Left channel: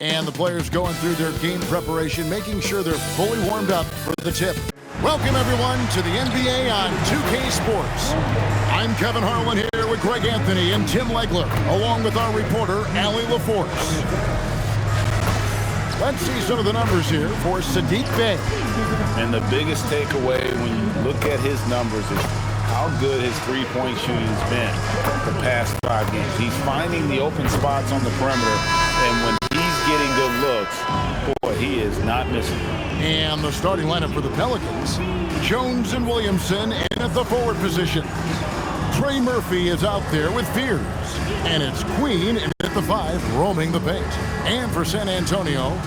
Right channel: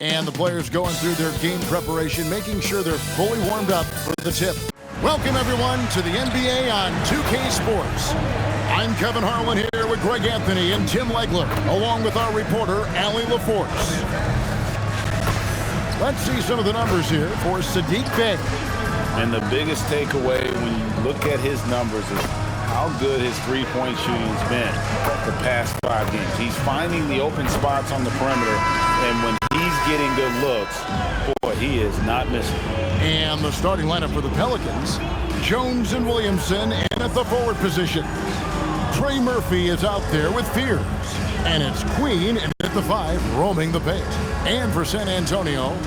And the players going through their game preparation, making sure they're fully warmed up for the tip. Welcome, everyone, to the NBA on 2K Sports. I'm Kevin Harlan here with Greg Anthony and Tim Legler, along with our reporter, Allie LaForce. Let's see some of the numbers here for Saddiq Bey. And the biggest takeaway when you look at his numbers is how good his three-point shooting has been the past 5 games. He's finding the open spots on the perimeter, and when he's getting good looks, boy, he is not missing. And the starting lineup for the Pelicans, Jones and Williamson in at the forward position. Trey Murphy is out there with Fears. And it's Queen in at the 5, roaming the paint. And for San Antonio,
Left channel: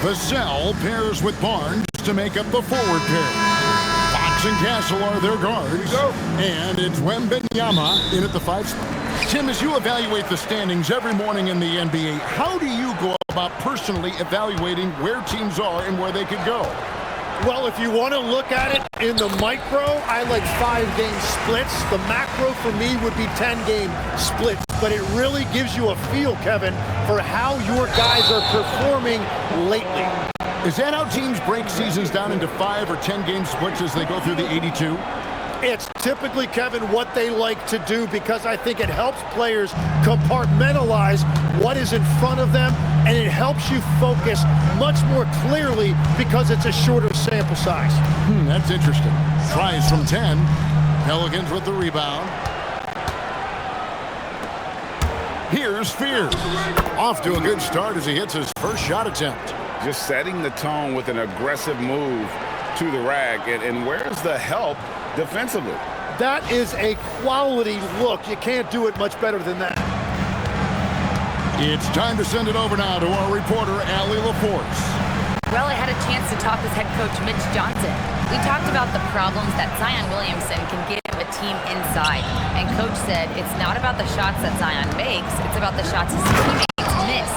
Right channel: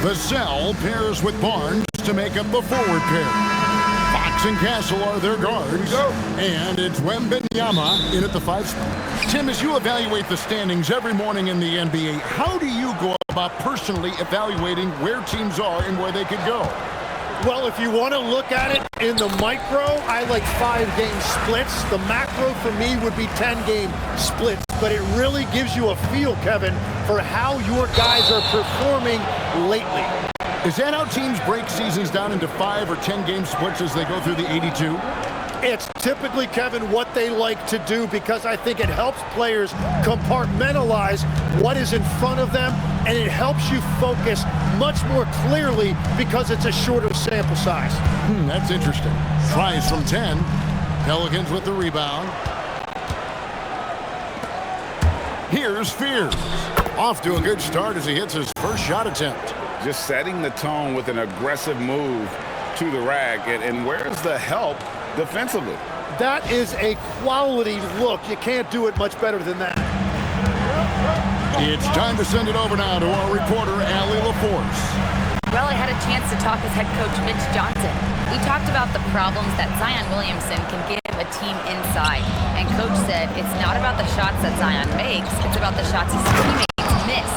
Vassell pairs with Barnes to make up the forward pair. Fox and Castle are their guards. And it's Wembanyama in at the 5 spot. Tim, as you evaluate the standings every morning in the NBA, how do you go about personally evaluating where teams are and where they could go? Well, if you want to look at it in the micro, I like 5-game splits. The macro for me would be 10-game splits. But it really gives you a feel, Kevin, for how your guys are performing lately. Is that how teams break seasons down into 5 or 10-game splits as they go through the 82? It's typically, Kevin, what they like to do because I think it helps players compartmentalize what is in front of them, and it helps you focus much more clearly because it's a shorter sample size. That's interesting. Tries from 10. Pelicans with the rebound. Here's Fears. Off to a good start as he hits his first shot attempt. Just setting the tone with an aggressive move to the rack. And where's the help defensively? That is a quality look. You can't do it much better than that. It's time to send it over now to our reporter, Allie LaForce. Well, I had a chance to talk with head coach Mitch Johnson. We talked about the problems that Zion Williamson can give a team inside. And coach said it's not about the shots that Zion makes, it's about the shots his teammates miss.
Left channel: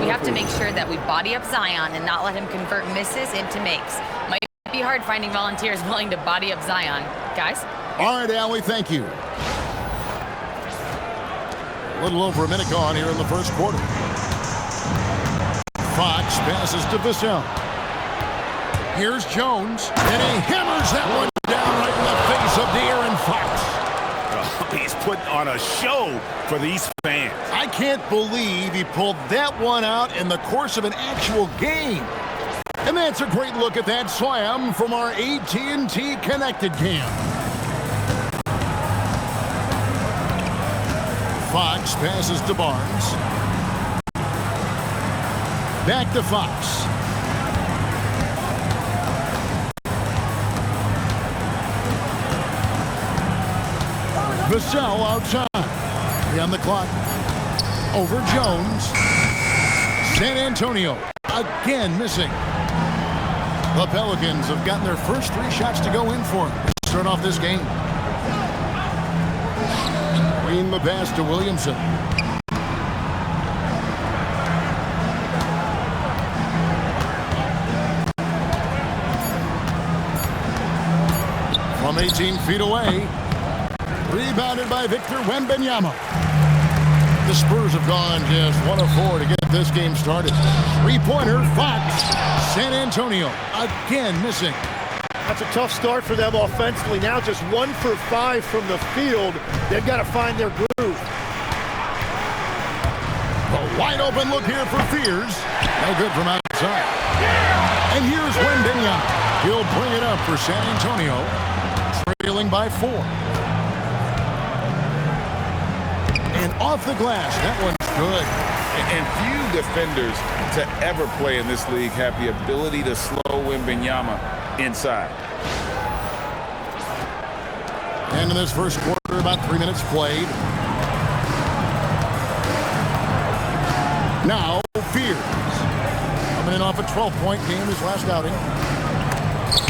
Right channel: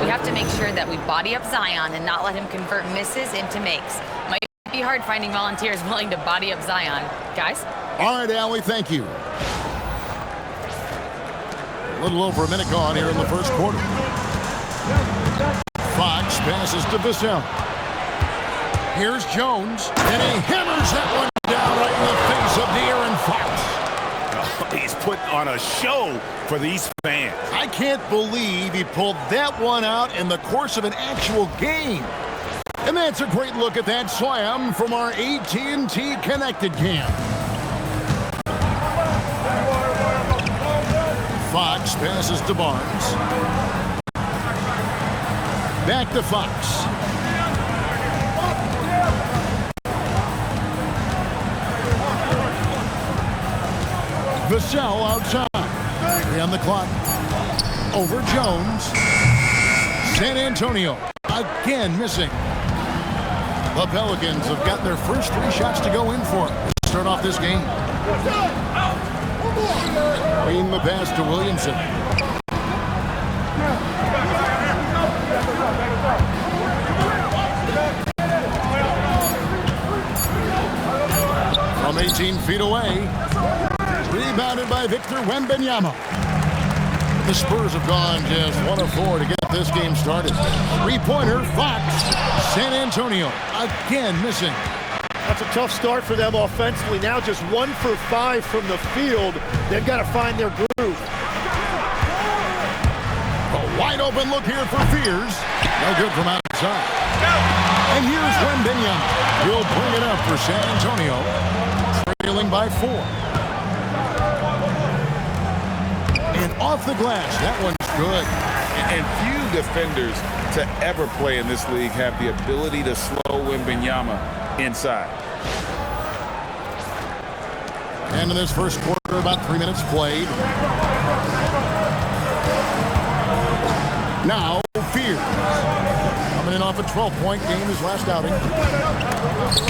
We have to make sure that we body up Zion and not let him convert misses into makes. Might be hard finding volunteers willing to body up Zion. Guys? All right, Allie, thank you. A little over a minute gone here in the first quarter. Fox passes to Vassell. Here's Jones, and he hammers that one down right in the face of De'Aaron Fox. Oh, he's putting on a show for these fans. I can't believe he pulled that one out in the course of an actual game. And that's a great look at that slam from our AT&T Connected Cam. Fox passes to Barnes. Back to Fox. Vassell outside. 3 on the clock. Over Jones. San Antonio again missing. The Pelicans have gotten their first 3 shots to go in for them to start off this game. Queen the pass to Williamson. From 18 feet away. Rebounded by Victor Wembanyama. The Spurs have gone just 1 of 4 to get this game started. 3-pointer, Fox. San Antonio again missing. That's a tough start for them offensively. Now just 1 for 5 from the field. They've got to find their groove. The wide open look here for Fears. No good from outside. And here's Wembanyama. He'll bring it up for San Antonio. Trailing by 4. And off the glass, that one's good. And few defenders to ever play in this league have the ability to slow Wembanyama inside. And in this first quarter, about 3 minutes played. Now, Fears. Coming in off a 12-point game his last outing.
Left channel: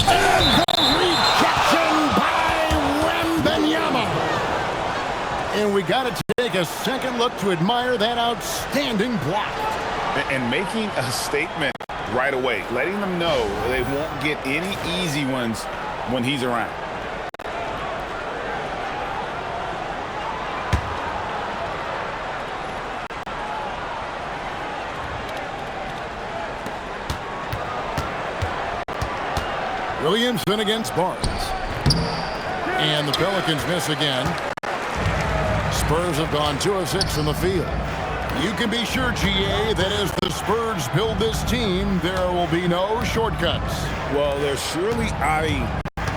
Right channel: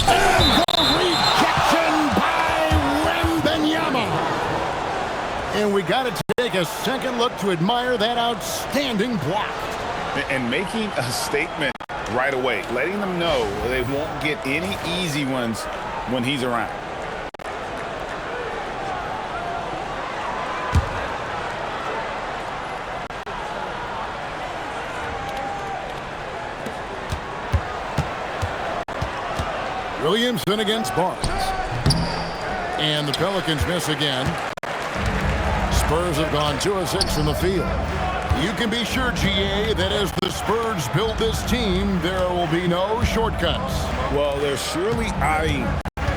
And the rejection by Wembanyama. And we got to take a second look to admire that outstanding block. And making a statement right away, letting them know they won't get any easy ones when he's around. Williamson against Barnes. And the Pelicans miss again. Spurs have gone 2 of 6 from the field. You can be sure, GA, that as the Spurs build this team, there will be no shortcuts. Well, they're surely eyeing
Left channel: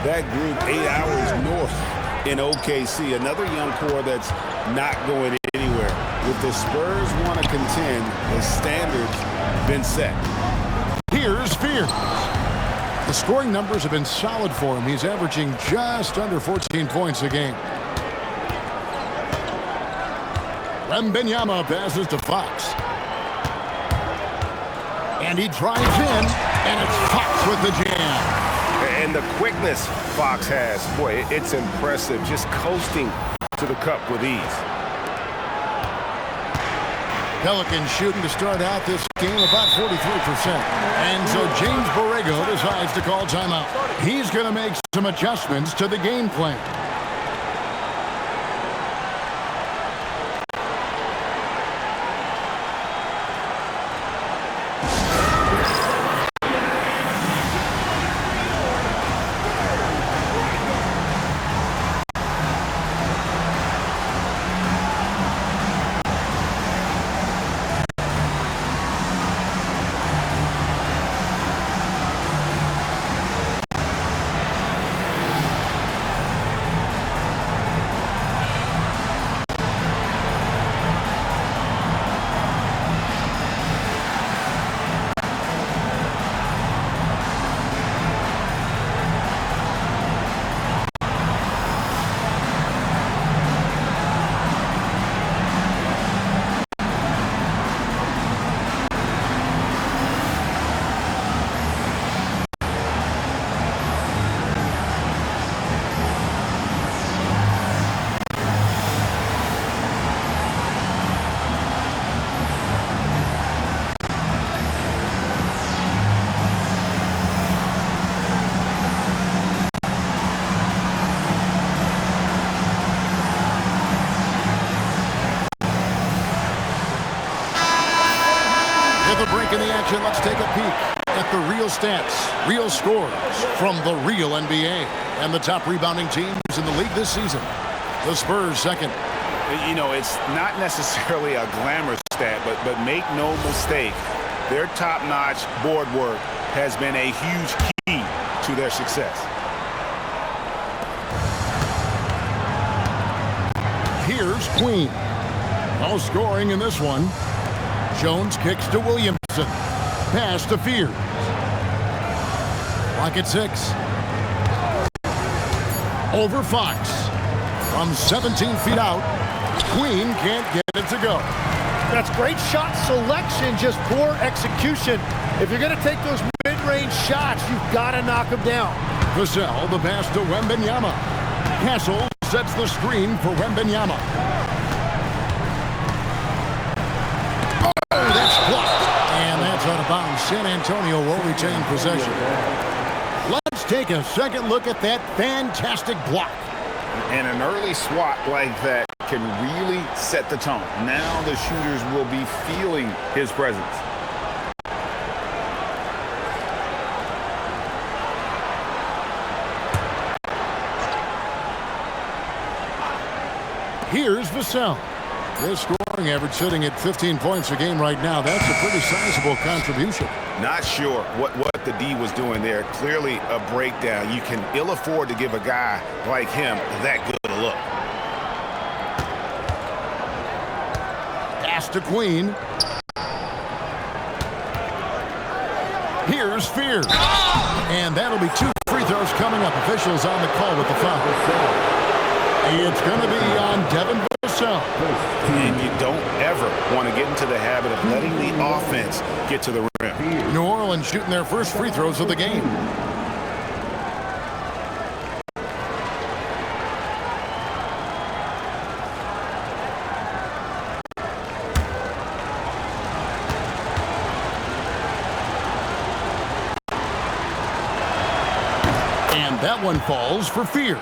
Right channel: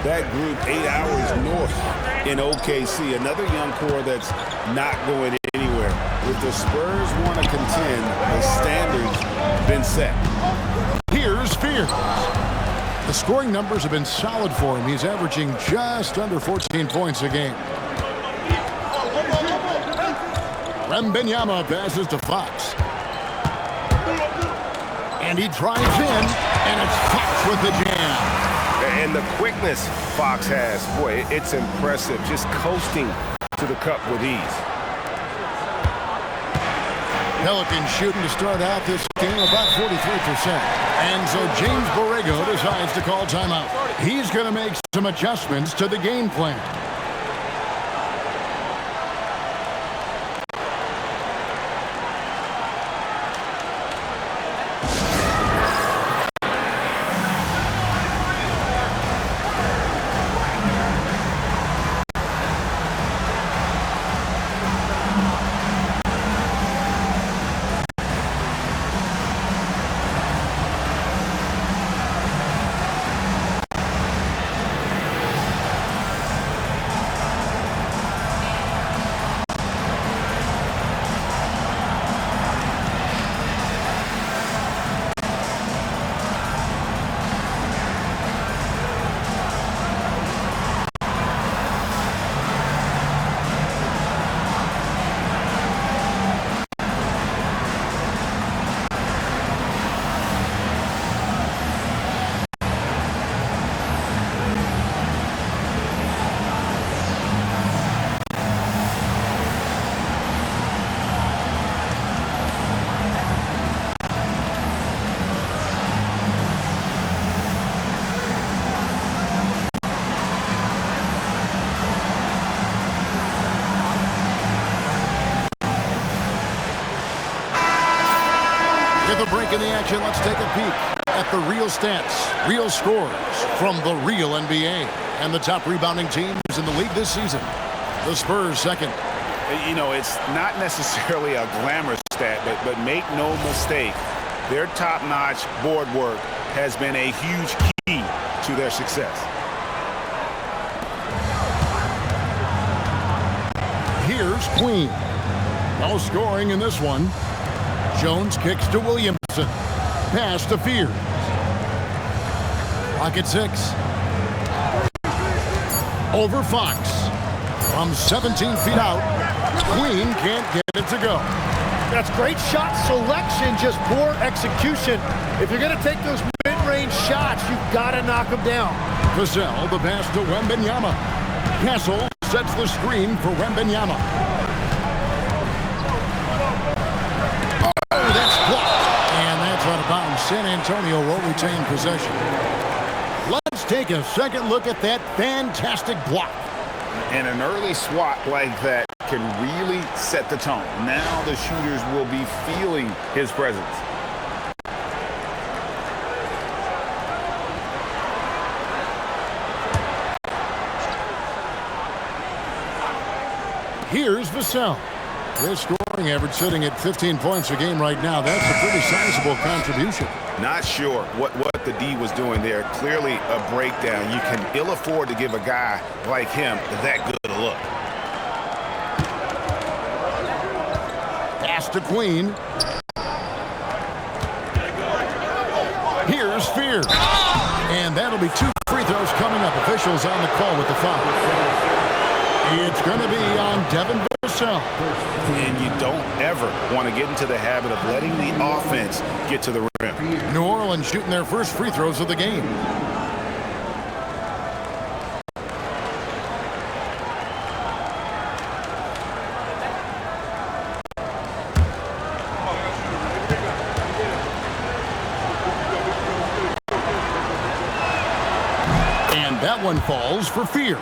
that group 8 hours north in OKC. Another young core that's not going anywhere. If the Spurs want to contend, the standard's been set. Here's Fears. The scoring numbers have been solid for him. He's averaging just under 14 points a game. Wembanyama passes to Fox. And he drives in, and it's Fox with the jam. And the quickness Fox has, boy, it's impressive. Just coasting to the cup with ease. Pelicans shooting to start out this game about 43%. And so James Borrego decides to call timeout. He's going to make some adjustments to the game plan. At the break in the action, let's take a peek at the real stats, real scores from the real NBA. And the top rebounding teams in the league this season. The Spurs second. You know, it's not necessarily a glamorous stat, but make no mistake, their top-notch board work has been a huge key to their success. Here's Queen. No scoring in this one. Jones kicks to Williamson. Pass to Fears. Clock at 6. Over Fox. From 17 feet out. Queen can't get it to go. That's great shot selection, just poor execution. If you're going to take those mid-range shots, you've got to knock them down. Vassell, the pass to Wembanyama. Castle sets the screen for Wembanyama. Oh, that's blocked. And that's out of bounds. San Antonio will retain possession. Let's take a second look at that fantastic block. And an early swat like that can really set the tone. Now the shooters will be feeling his presence. Here's Vassell. His scoring average sitting at 15 points a game right now. That's a pretty sizable contribution. Not sure what the D was doing there. Clearly a breakdown. You can ill afford to give a guy like him that good a look. Pass to Queen. Here's Fears. And that'll be 2 free throws coming up. Officials on the call with the foul. It's going to be on Devin Vassell. And you don't ever want to get into the habit of letting the offense get to the rim. New Orleans shooting their first free throws of the game. And that one falls for Fears.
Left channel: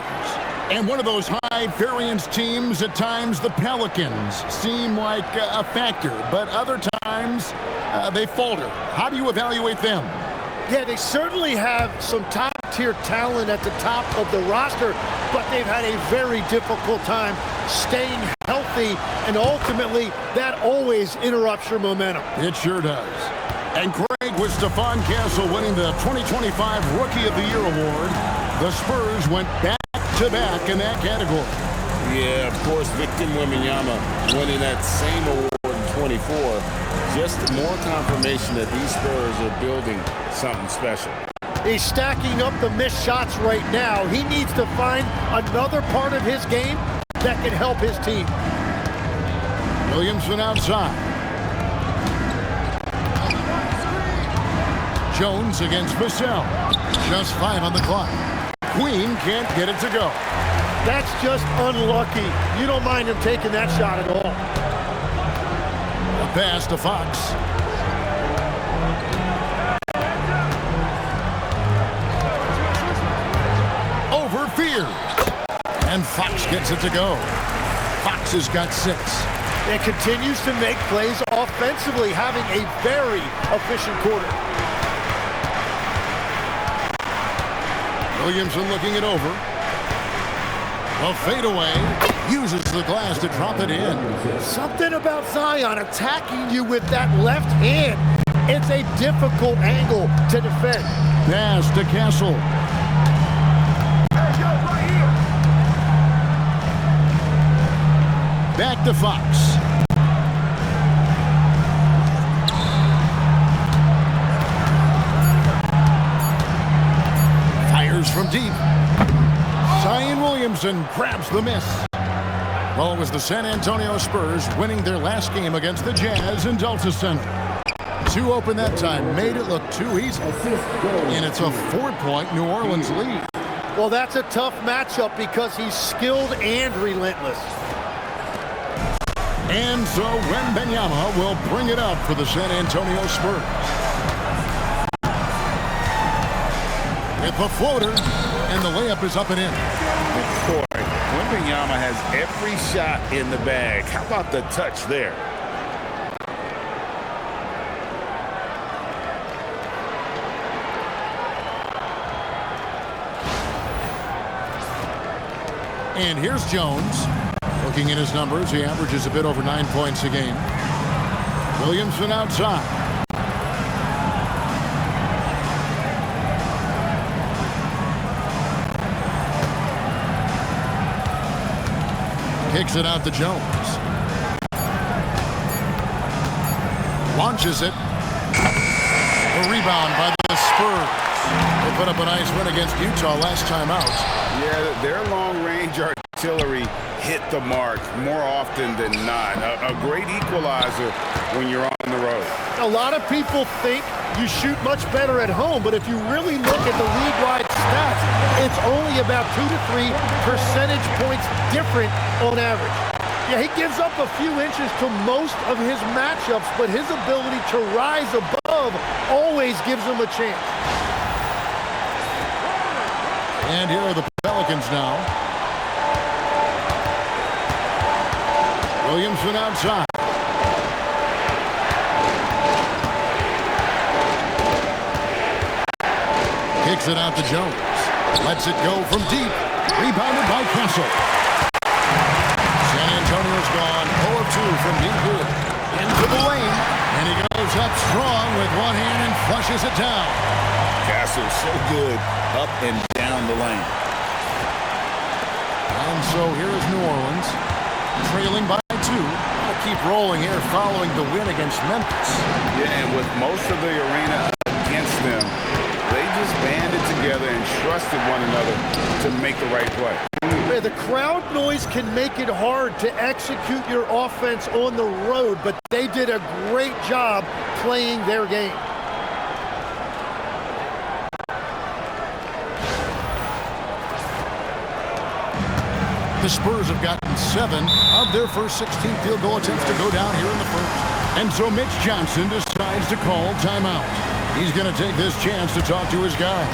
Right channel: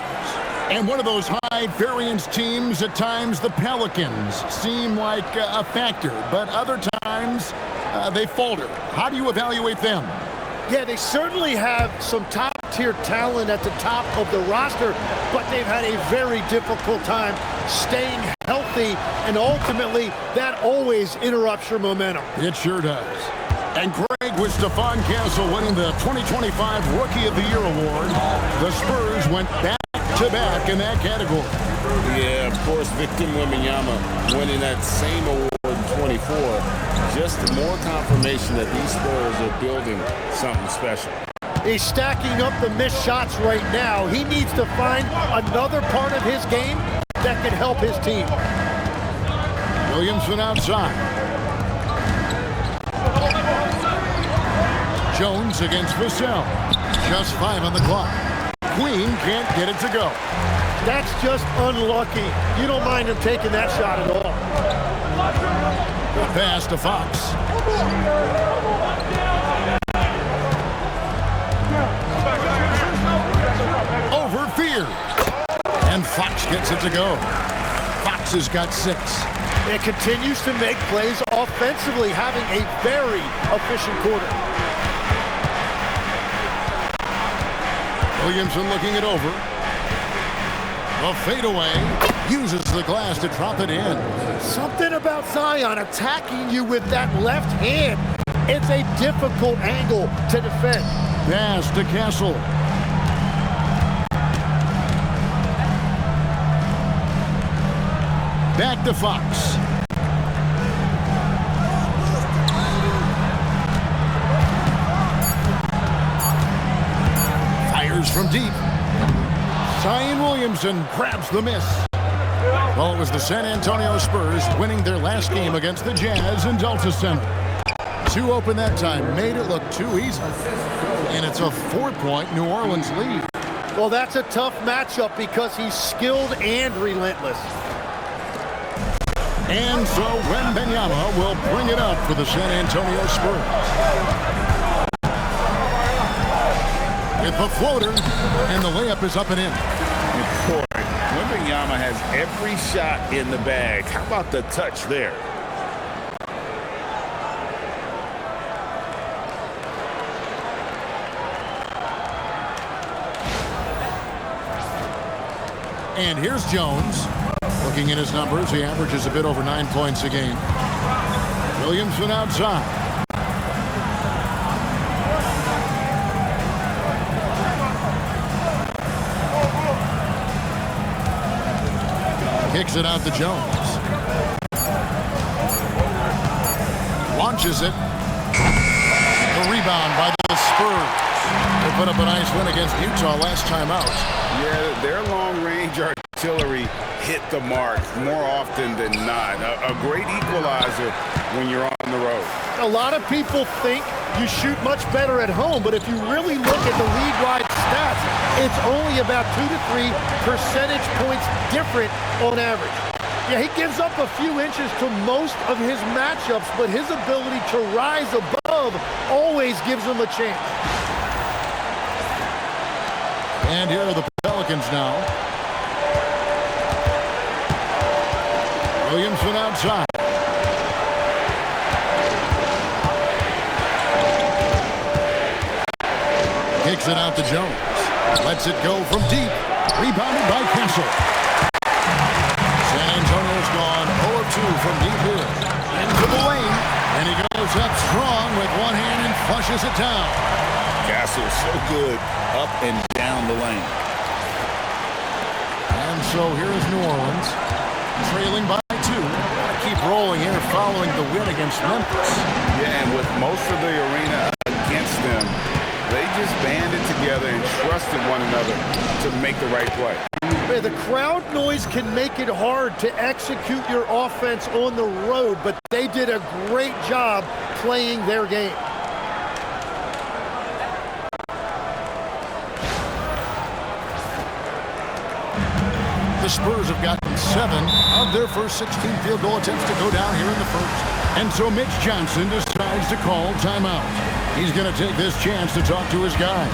And one of those high-variance teams, at times the Pelicans seem like a factor, but other times they falter. How do you evaluate them? Yeah, they certainly have some top-tier talent at the top of the roster, but they've had a very difficult time staying healthy, and ultimately, that always interrupts your momentum. It sure does. And Craig, with Stephon Castle winning the 2025 Rookie of the Year award, the Spurs went back-to-back in that category. Yeah, of course, Victor Wembanyama winning that same award in 24. Just more confirmation that these Spurs are building something special. He's stacking up the missed shots right now. He needs to find another part of his game that can help his team. Williamson outside. Jones against Vassell. Just 5 on the clock. Queen can't get it to go. That's just unlucky. You don't mind him taking that shot at all. A pass to Fox. Over Fears. And Fox gets it to go. Fox has got 6. It continues to make plays offensively, having a very efficient quarter. Williamson looking it over. The fadeaway uses the glass to drop it in. Something about Zion attacking you with that left hand. It's a difficult angle to defend. Pass to Castle. Back to Fox. Fires from deep. Zion Williamson grabs the miss. Well, it was the San Antonio Spurs winning their last game against the Jazz in Delta Center. 2 open that time made it look too easy. And it's a 4-point New Orleans lead. Well, that's a tough matchup because he's skilled and relentless. And so Wembanyama will bring it up for the San Antonio Spurs. With the floater, and the layup is up and in. And boy, Wembanyama has every shot in the bag. How about the touch there? And here's Jones. Looking at his numbers, he averages a bit over 9 points a game. Williamson outside. Kicks it out to Jones. Launches it. The rebound by the Spurs. They put up a nice win against Utah last time out. Yeah, their long-range artillery hit the mark more often than not. A great equalizer when you're on the road. A lot of people think you shoot much better at home, but if you really look at the league-wide stats, it's only about 2 to 3 percentage points different on average. Yeah, he gives up a few inches to most of his matchups, but his ability to rise above always gives him a chance. And here are the Pelicans now. Williamson outside. Kicks it out to Jones. Lets it go from deep. Rebounded by Castle. San Antonio's gone 0 of 2 from deep here. Into the lane. And he goes up strong with one hand and flushes it down. Castle so good up and down the lane. And so here is New Orleans, trailing by 2. Want to keep rolling here following the win against Memphis. Yeah, and with most of the arena against them, they just banded together and trusted one another to make the right play. The crowd noise can make it hard to execute your offense on the road, but they did a great job playing their game. The Spurs have gotten 7 of their first 16 field goal attempts to go down here in the first. And so Mitch Johnson decides to call timeout. He's going to take this chance to talk to his guy.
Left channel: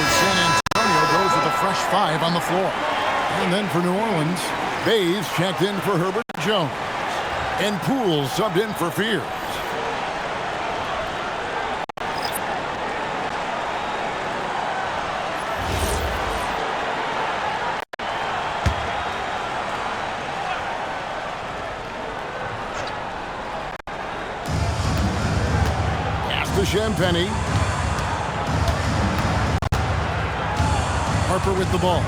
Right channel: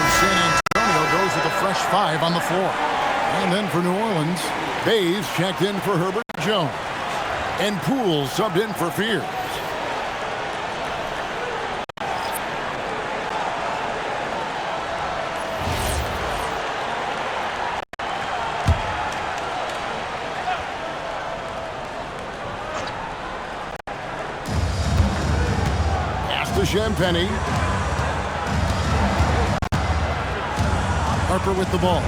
So San Antonio goes with a fresh 5 on the floor. And then for New Orleans, Bays checked in for Herbert Jones. And Poole subbed in for Fears. Pass to Champagny. Harper with the ball.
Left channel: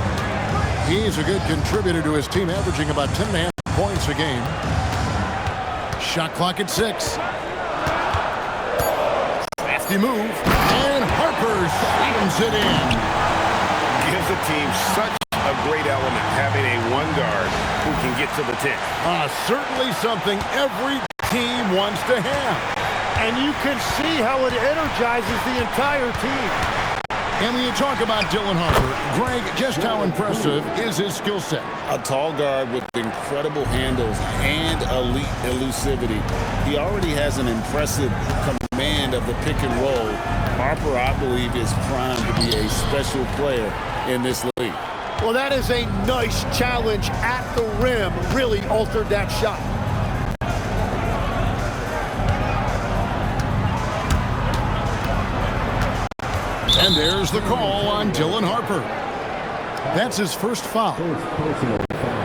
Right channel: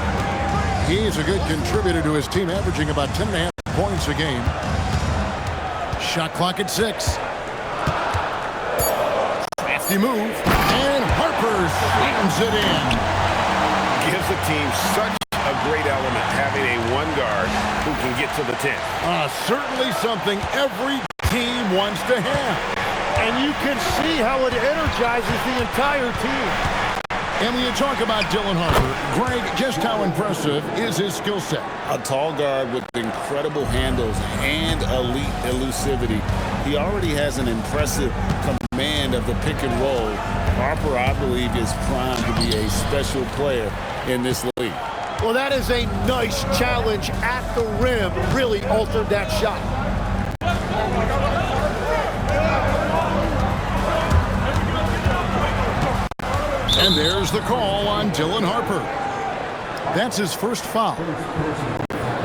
He's a good contributor to his team, averaging about 10.5 points a game. Shot clock at 6. Crafty move. And Harper slams it in. Gives the team such a great element, having a one guard who can get to the 10. Certainly something every team wants to have. And you can see how it energizes the entire team. And when you talk about Dylan Harper, Greg, just how impressive is his skill set? A tall guard with incredible handles and elite elusivity. He already has an impressive command of the pick and roll. Harper, I believe, is primed to be a special player in this league. Well, that is a nice challenge at the rim. Really altered that shot. And there's the call on Dylan Harper. That's his first foul. Personal foul.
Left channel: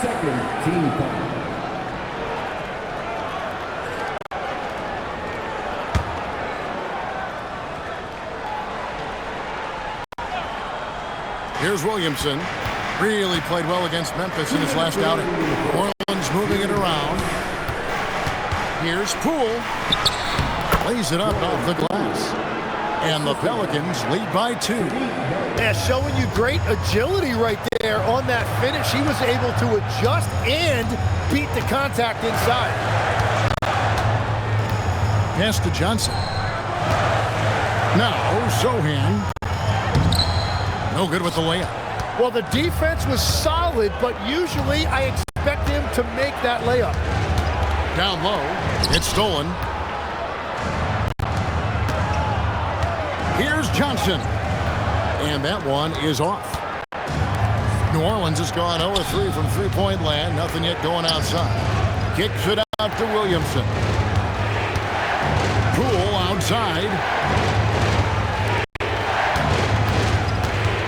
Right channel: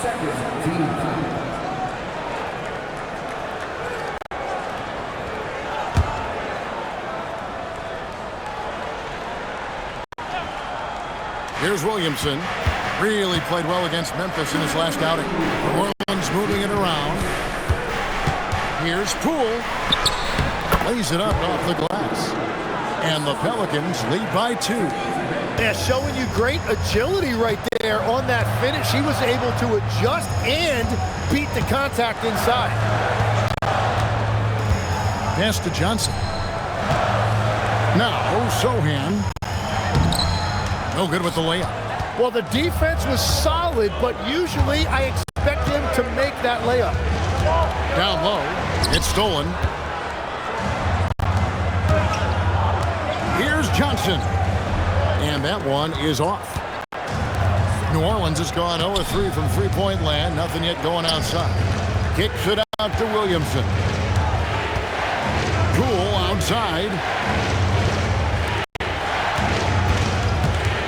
Second team foul. Here's Williamson. Really played well against Memphis in his last outing. New Orleans moving it around. Here's Poole. Lays it up off the glass. And the Pelicans lead by 2. Yeah, showing you great agility right there on that finish. He was able to adjust and beat the contact inside. Pass to Johnson. Now, Sohan. No good with the layup. Well, the defense was solid, but usually I expect him to make that layup. Down low. It's stolen. Here's Johnson. And that one is off. New Orleans has gone 0-3 from three-point land. Nothing yet going outside. Kicks it out to Williamson. Poole outside.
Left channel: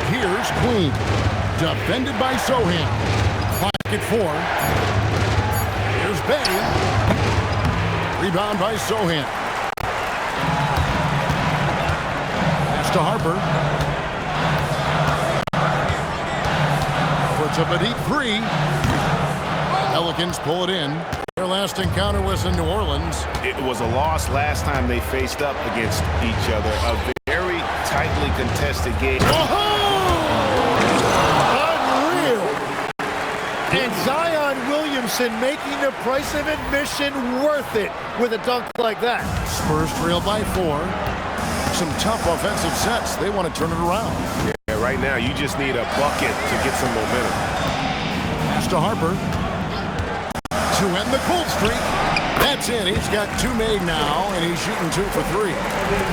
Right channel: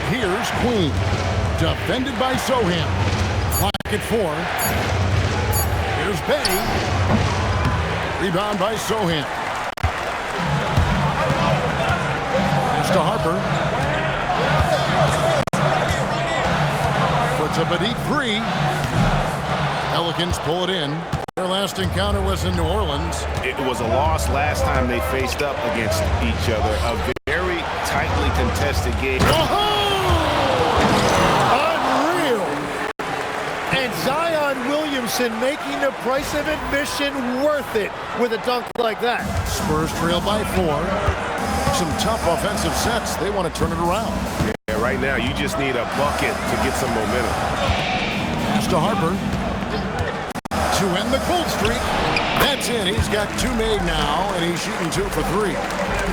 Here's Queen. Defended by Sohan. Clock at 4. Here's Bay. Rebound by Sohan. To Harper. Puts up a deep 3. Pelicans pull it in. Their last encounter was in New Orleans. It was a loss last time they faced up against each other. A very tightly contested game. Unreal. And Zion Williamson making the price of admission worth it with a dunk like that. Spurs trail by 4. Some tough offensive sets. They want to turn it around. Yeah, right now you just need a bucket to get some momentum. Pass to Harper. To end the cold streak. That's in. He's got 2 made now, and he's shooting 2 for 3.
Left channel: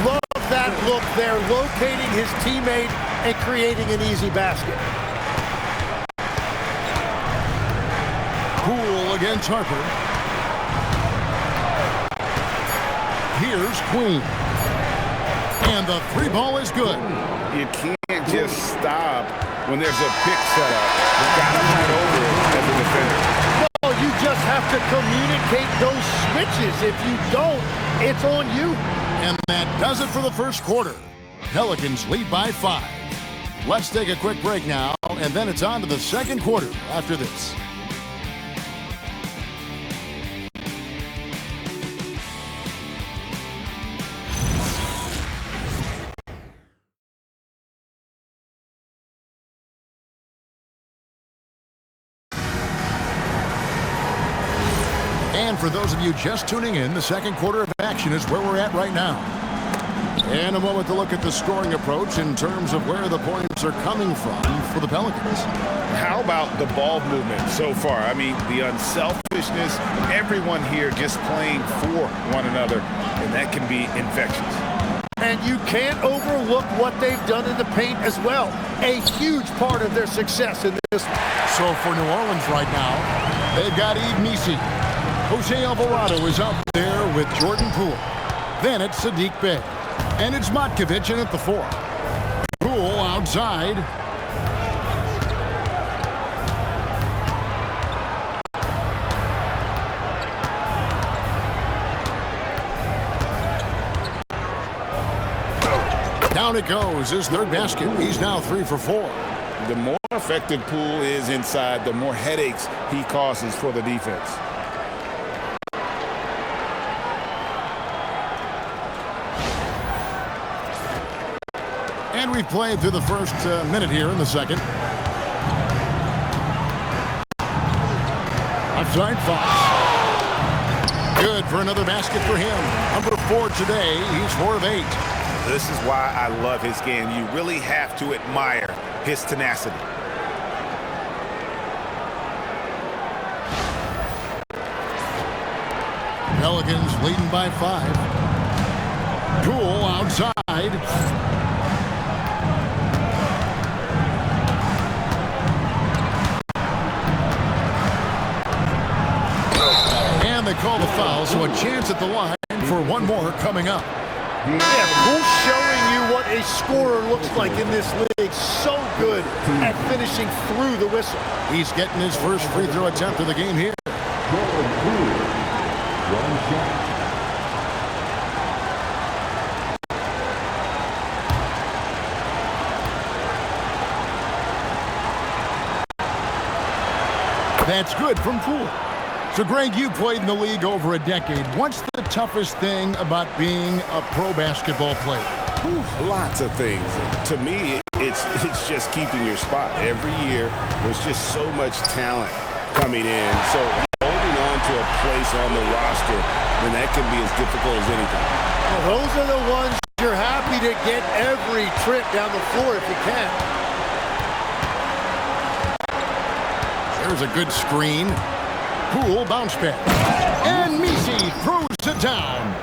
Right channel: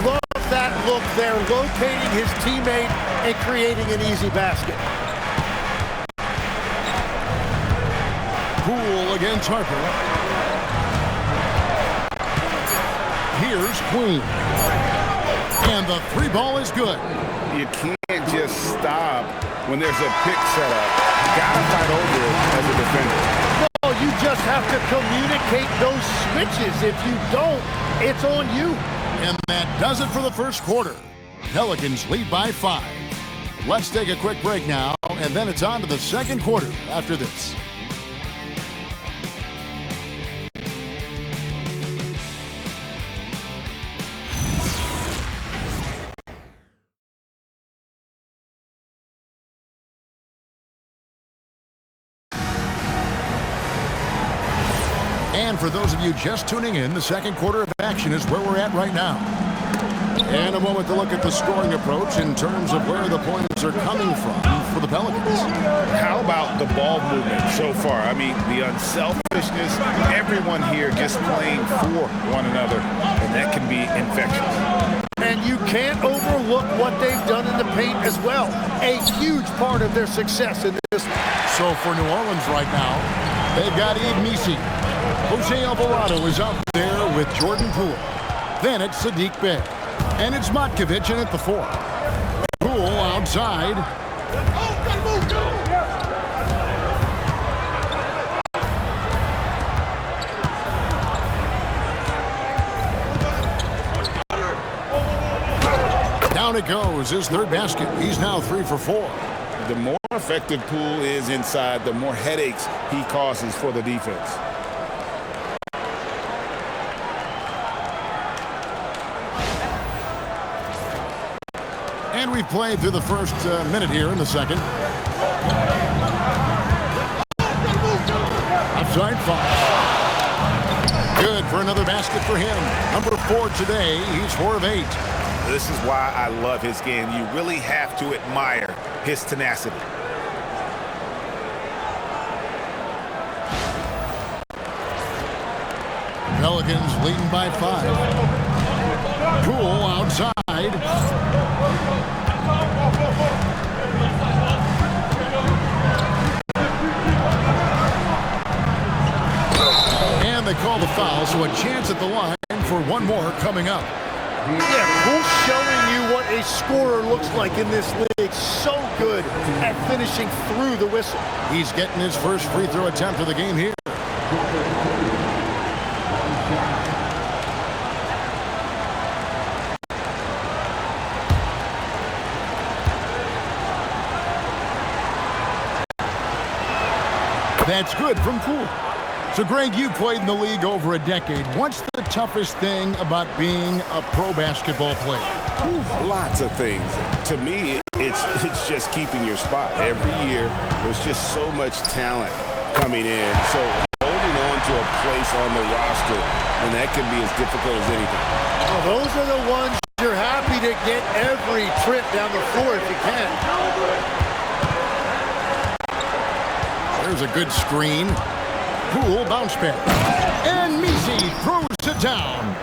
Love that look there, locating his teammate and creating an easy basket. Poole against Harper. Here's Queen. And the 3 ball is good. You can't just stop when there's a pick set up. Gotta fight over it as a defender. Well, you just have to communicate those switches. If you don't, it's on you. And that does it for the first quarter. Pelicans lead by 5. Let's take a quick break now, and then it's on to the second quarter after this. And for those of you just tuning in, the second quarter of action is where we're at right now. And a moment to look at the scoring approach in terms of where the points are coming from for the Pelicans. How about the ball movement so far? I mean, the unselfishness, everyone here just playing for one another, and that can be infectious. And you can't overlook what they've done in the paint as well. A huge part of their success in this one. So for New Orleans right now, they've got Yves Missi. Jose Alvarado is out there with Jordan Poole. Then it's Sadiq Bey. And it's Matkovic in at the 4. Poole outside. Down it goes, his third basket. He's now 3 for 4. The more effective Poole is inside, the more headaches he causes for the defense. And we've played through the first minute here in the second. Offside Fox. Good for another basket for him. Number 4 today. He's 4 of 8. This is why I love his game. You really have to admire his tenacity. Pelicans leading by 5. Poole outside. And they call the foul, so a chance at the line for one more coming up. Yeah, Poole's showing you what a scorer looks like in this league. So good at finishing through the whistle. He's getting his first free throw attempt of the game here. Jordan Poole. One shot. That's good from Poole. So, Greg, you played in the league over a decade. What's the toughest thing about being a pro basketball player? Lots of things. To me, it's just keeping your spot. Every year, there's just so much talent coming in. So holding on to a place on the roster, then that can be as difficult as anything. Well, those are the ones you're happy to get every trip down the floor if you can. There's a good screen. Poole bounce back. And Missi throws it down.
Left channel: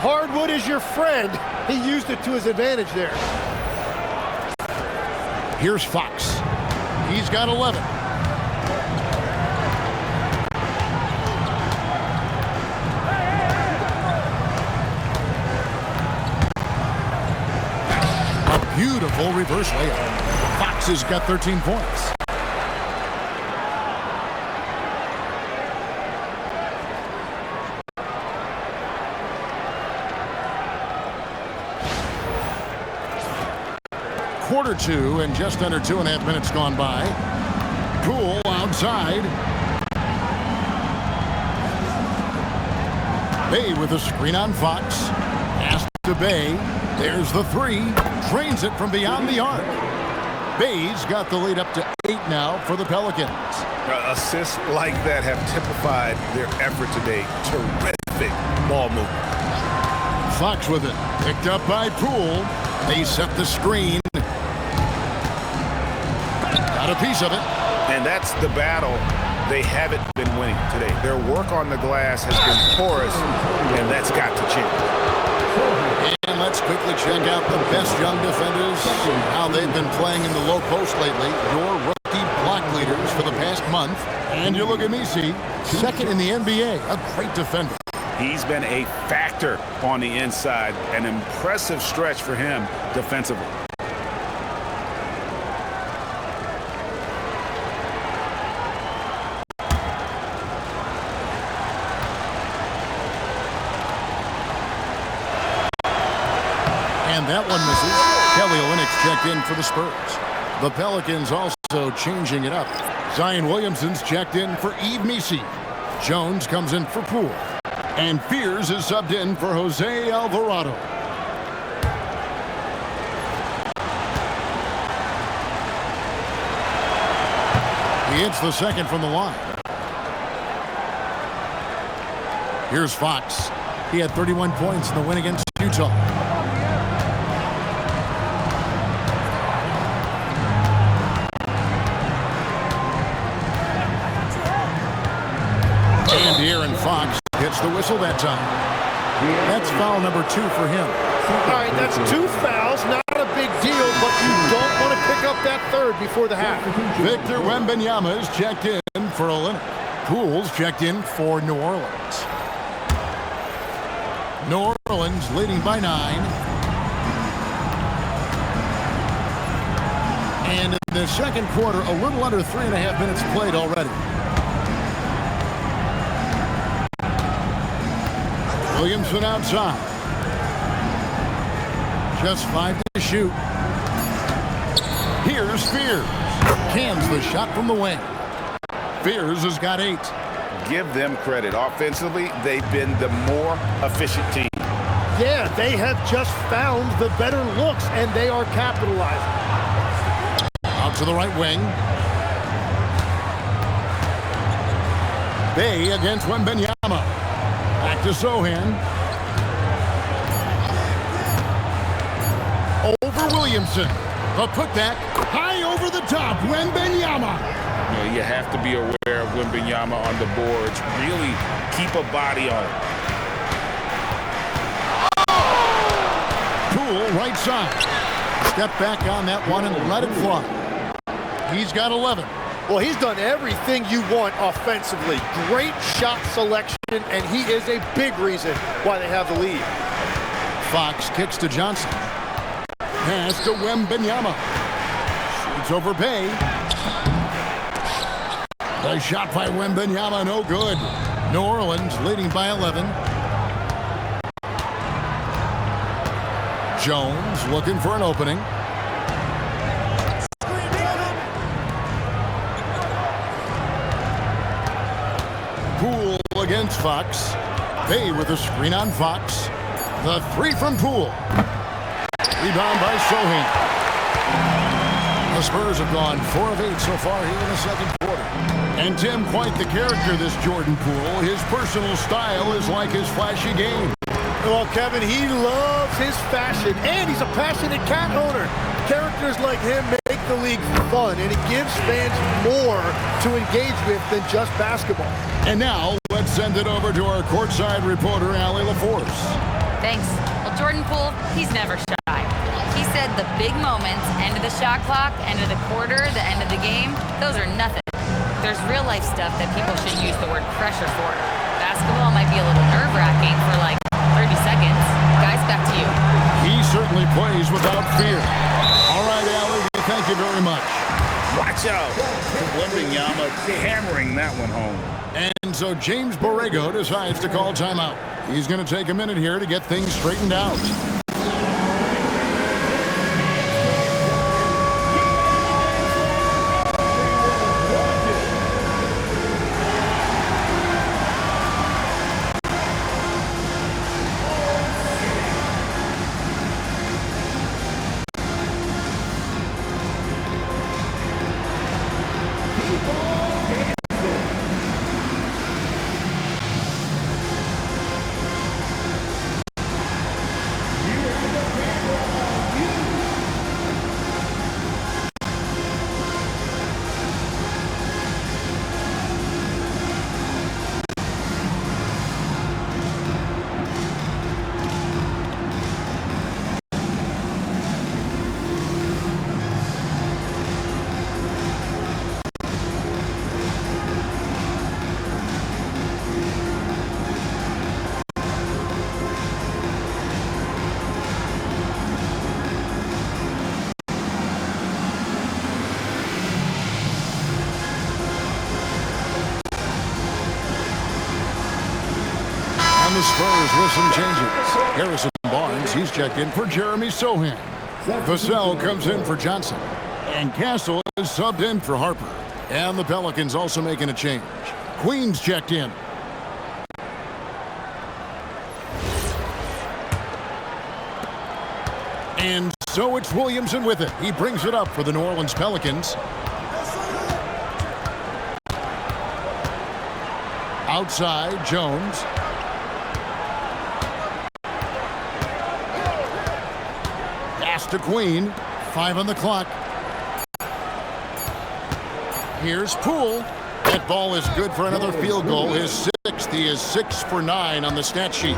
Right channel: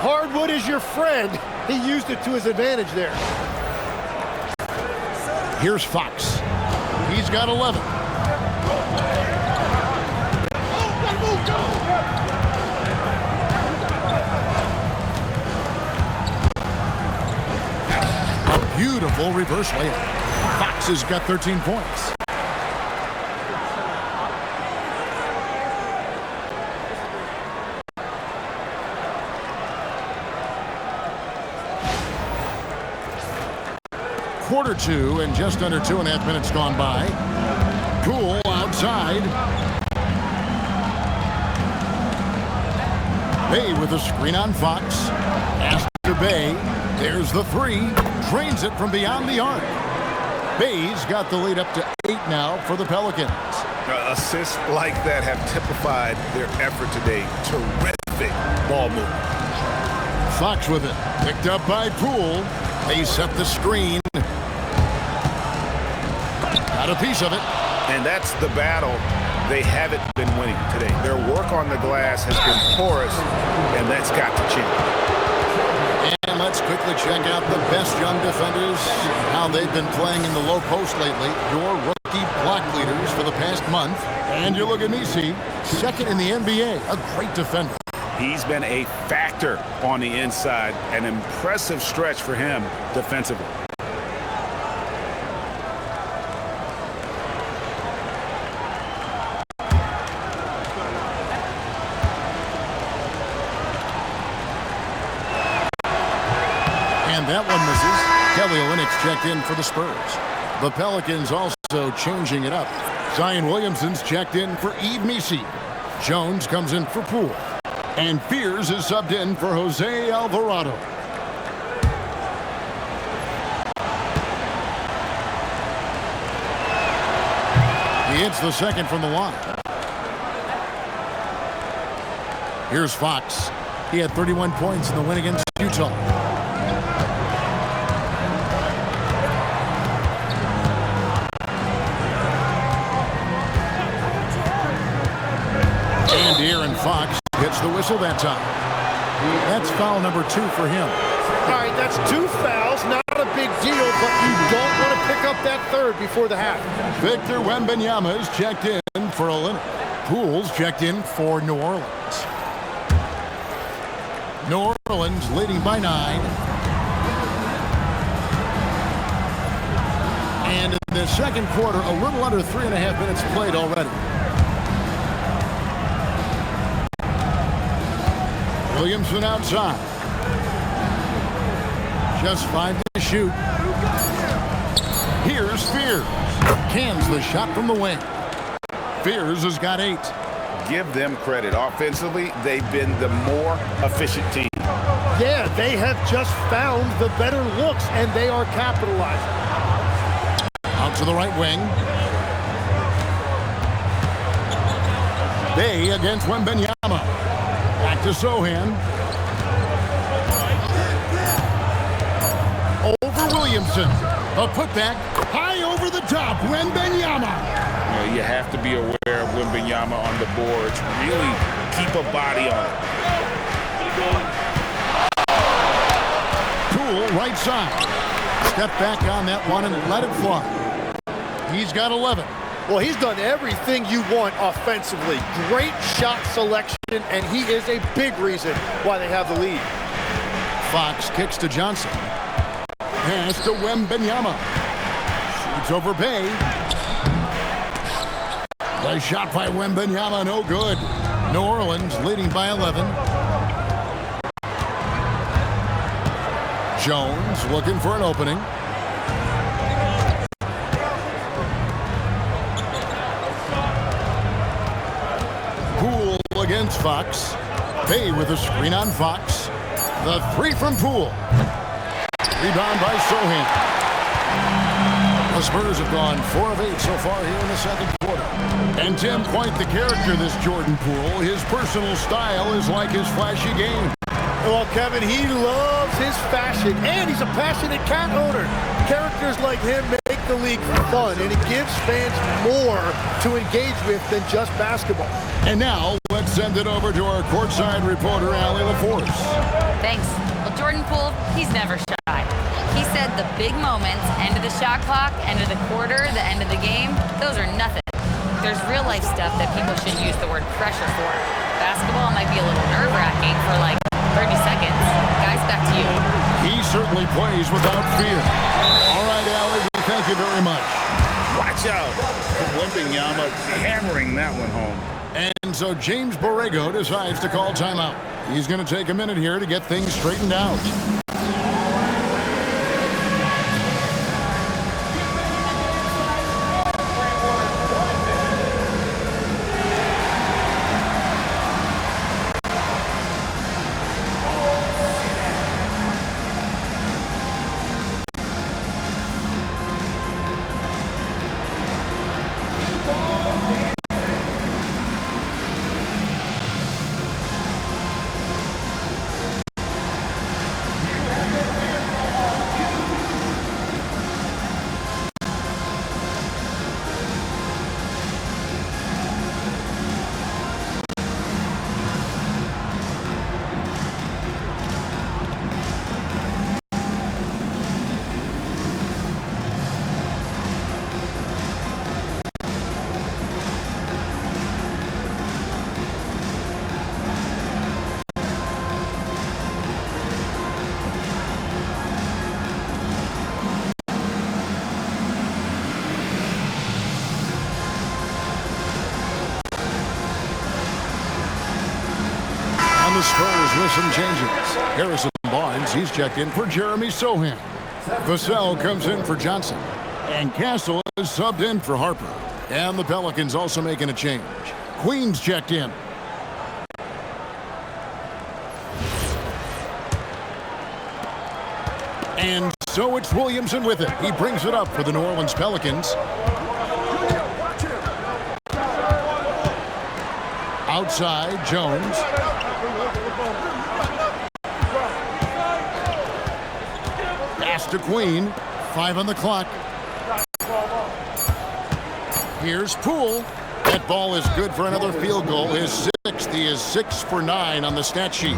Hardwood is your friend. He used it to his advantage there. Here's Fox. He's got 11. A beautiful reverse layup. Fox has got 13 points. Quarter 2 and just under 2.5 minutes gone by. Poole outside. Bey with a screen on Fox. Pass to Bey. There's the 3. Drains it from beyond the arc. Bey's got the lead up to 8 now for the Pelicans. Assists like that have typified their effort today. Terrific ball movement. Fox with it. Picked up by Poole. They set the screen. Got a piece of it. And that's the battle they haven't been winning today. Their work on the glass has been porous, and that's got to change. And let's quickly check out the best young defenders, how they've been playing in the low post lately. Your rookie block leaders for the past month. And you look at Missi, second in the NBA, a great defender. He's been a factor on the inside, an impressive stretch for him defensively. And that one misses. Kelly Olynyk's checked in for the Spurs. The Pelicans also changing it up. Zion Williamson's checked in for Yves Missi. Jones comes in for Poole. And Fears is subbed in for Jose Alvarado. He hits the second from the line. Here's Fox. He had 31 points in the win against Utah. And Aaron Fox gets the whistle that time. That's foul number 2 for him. All right, that's 2 fouls. Not a big deal, but you don't want to pick up that third before the half. Victor Wembanyama is checked in for Olynyk. Poole's checked in for New Orleans. New Orleans leading by 9. And in the second quarter, a little under 3.5 minutes played already. Williamson outside. Just 5 to shoot. Here's Spears. Cans the shot from the wing. Spears has got 8. Give them credit. Offensively, they've been the more efficient team. Yeah, they have just found the better looks, and they are capitalizing. Out to the right wing. Bay against Wembanyama. Back to Sohan. Over Williamson. A putback high over the top. Wembanyama. You know, you have to be aware of Wembanyama on the boards. Really keep a body on it. Poole right side. Step back on that one and let it fly. He's got 11. Well, he's done everything you want offensively. Great shot selection, and he is a big reason why they have the lead. Fox kicks to Johnson. Pass to Wembanyama. Shoots over Bay. The shot by Wembanyama, no good. New Orleans leading by 11. Jones looking for an opening. Poole against Fox. Bay with a screen on Fox. The 3 from Poole. Rebound by Sohan. The Spurs have gone 4 of 8 so far here in the second quarter. And Tim, quite the character, this Jordan Poole. His personal style is like his flashy game. Well, Kevin, he loves his fashion, and he's a passionate cat owner. Characters like him make the league fun, and it gives fans more to engage with than just basketball. And now, let's send it over to our courtside reporter, Allie LaForce. Thanks. Well, Jordan Poole, he's never shy. He said the big moments, end of the shot clock, end of the quarter, the end of the game, those are nothing. There's real life stuff that people should use the word pressure for. Basketball might be a little nerve-wracking for like 30 seconds. Guys, back to you. He certainly plays without fear. All right, Allie, we thank you very much. Watch out. Wembanyama hammering that one home. And so James Borrego decides to call timeout. He's going to take a minute here to get things straightened out. And the Spurs with some changes. Harrison Barnes, he's checked in for Jeremy Sohan. Vassell comes in for Johnson. And Castle is subbed in for Harper. And the Pelicans also making a change. Queen's checked in. And so it's Williamson with it. He brings it up for the New Orleans Pelicans. Outside, Jones. Pass to Queen. 5 on the clock. Here's Poole. That ball is good for another field goal. His 6th. He is 6 for 9 on the stat sheet.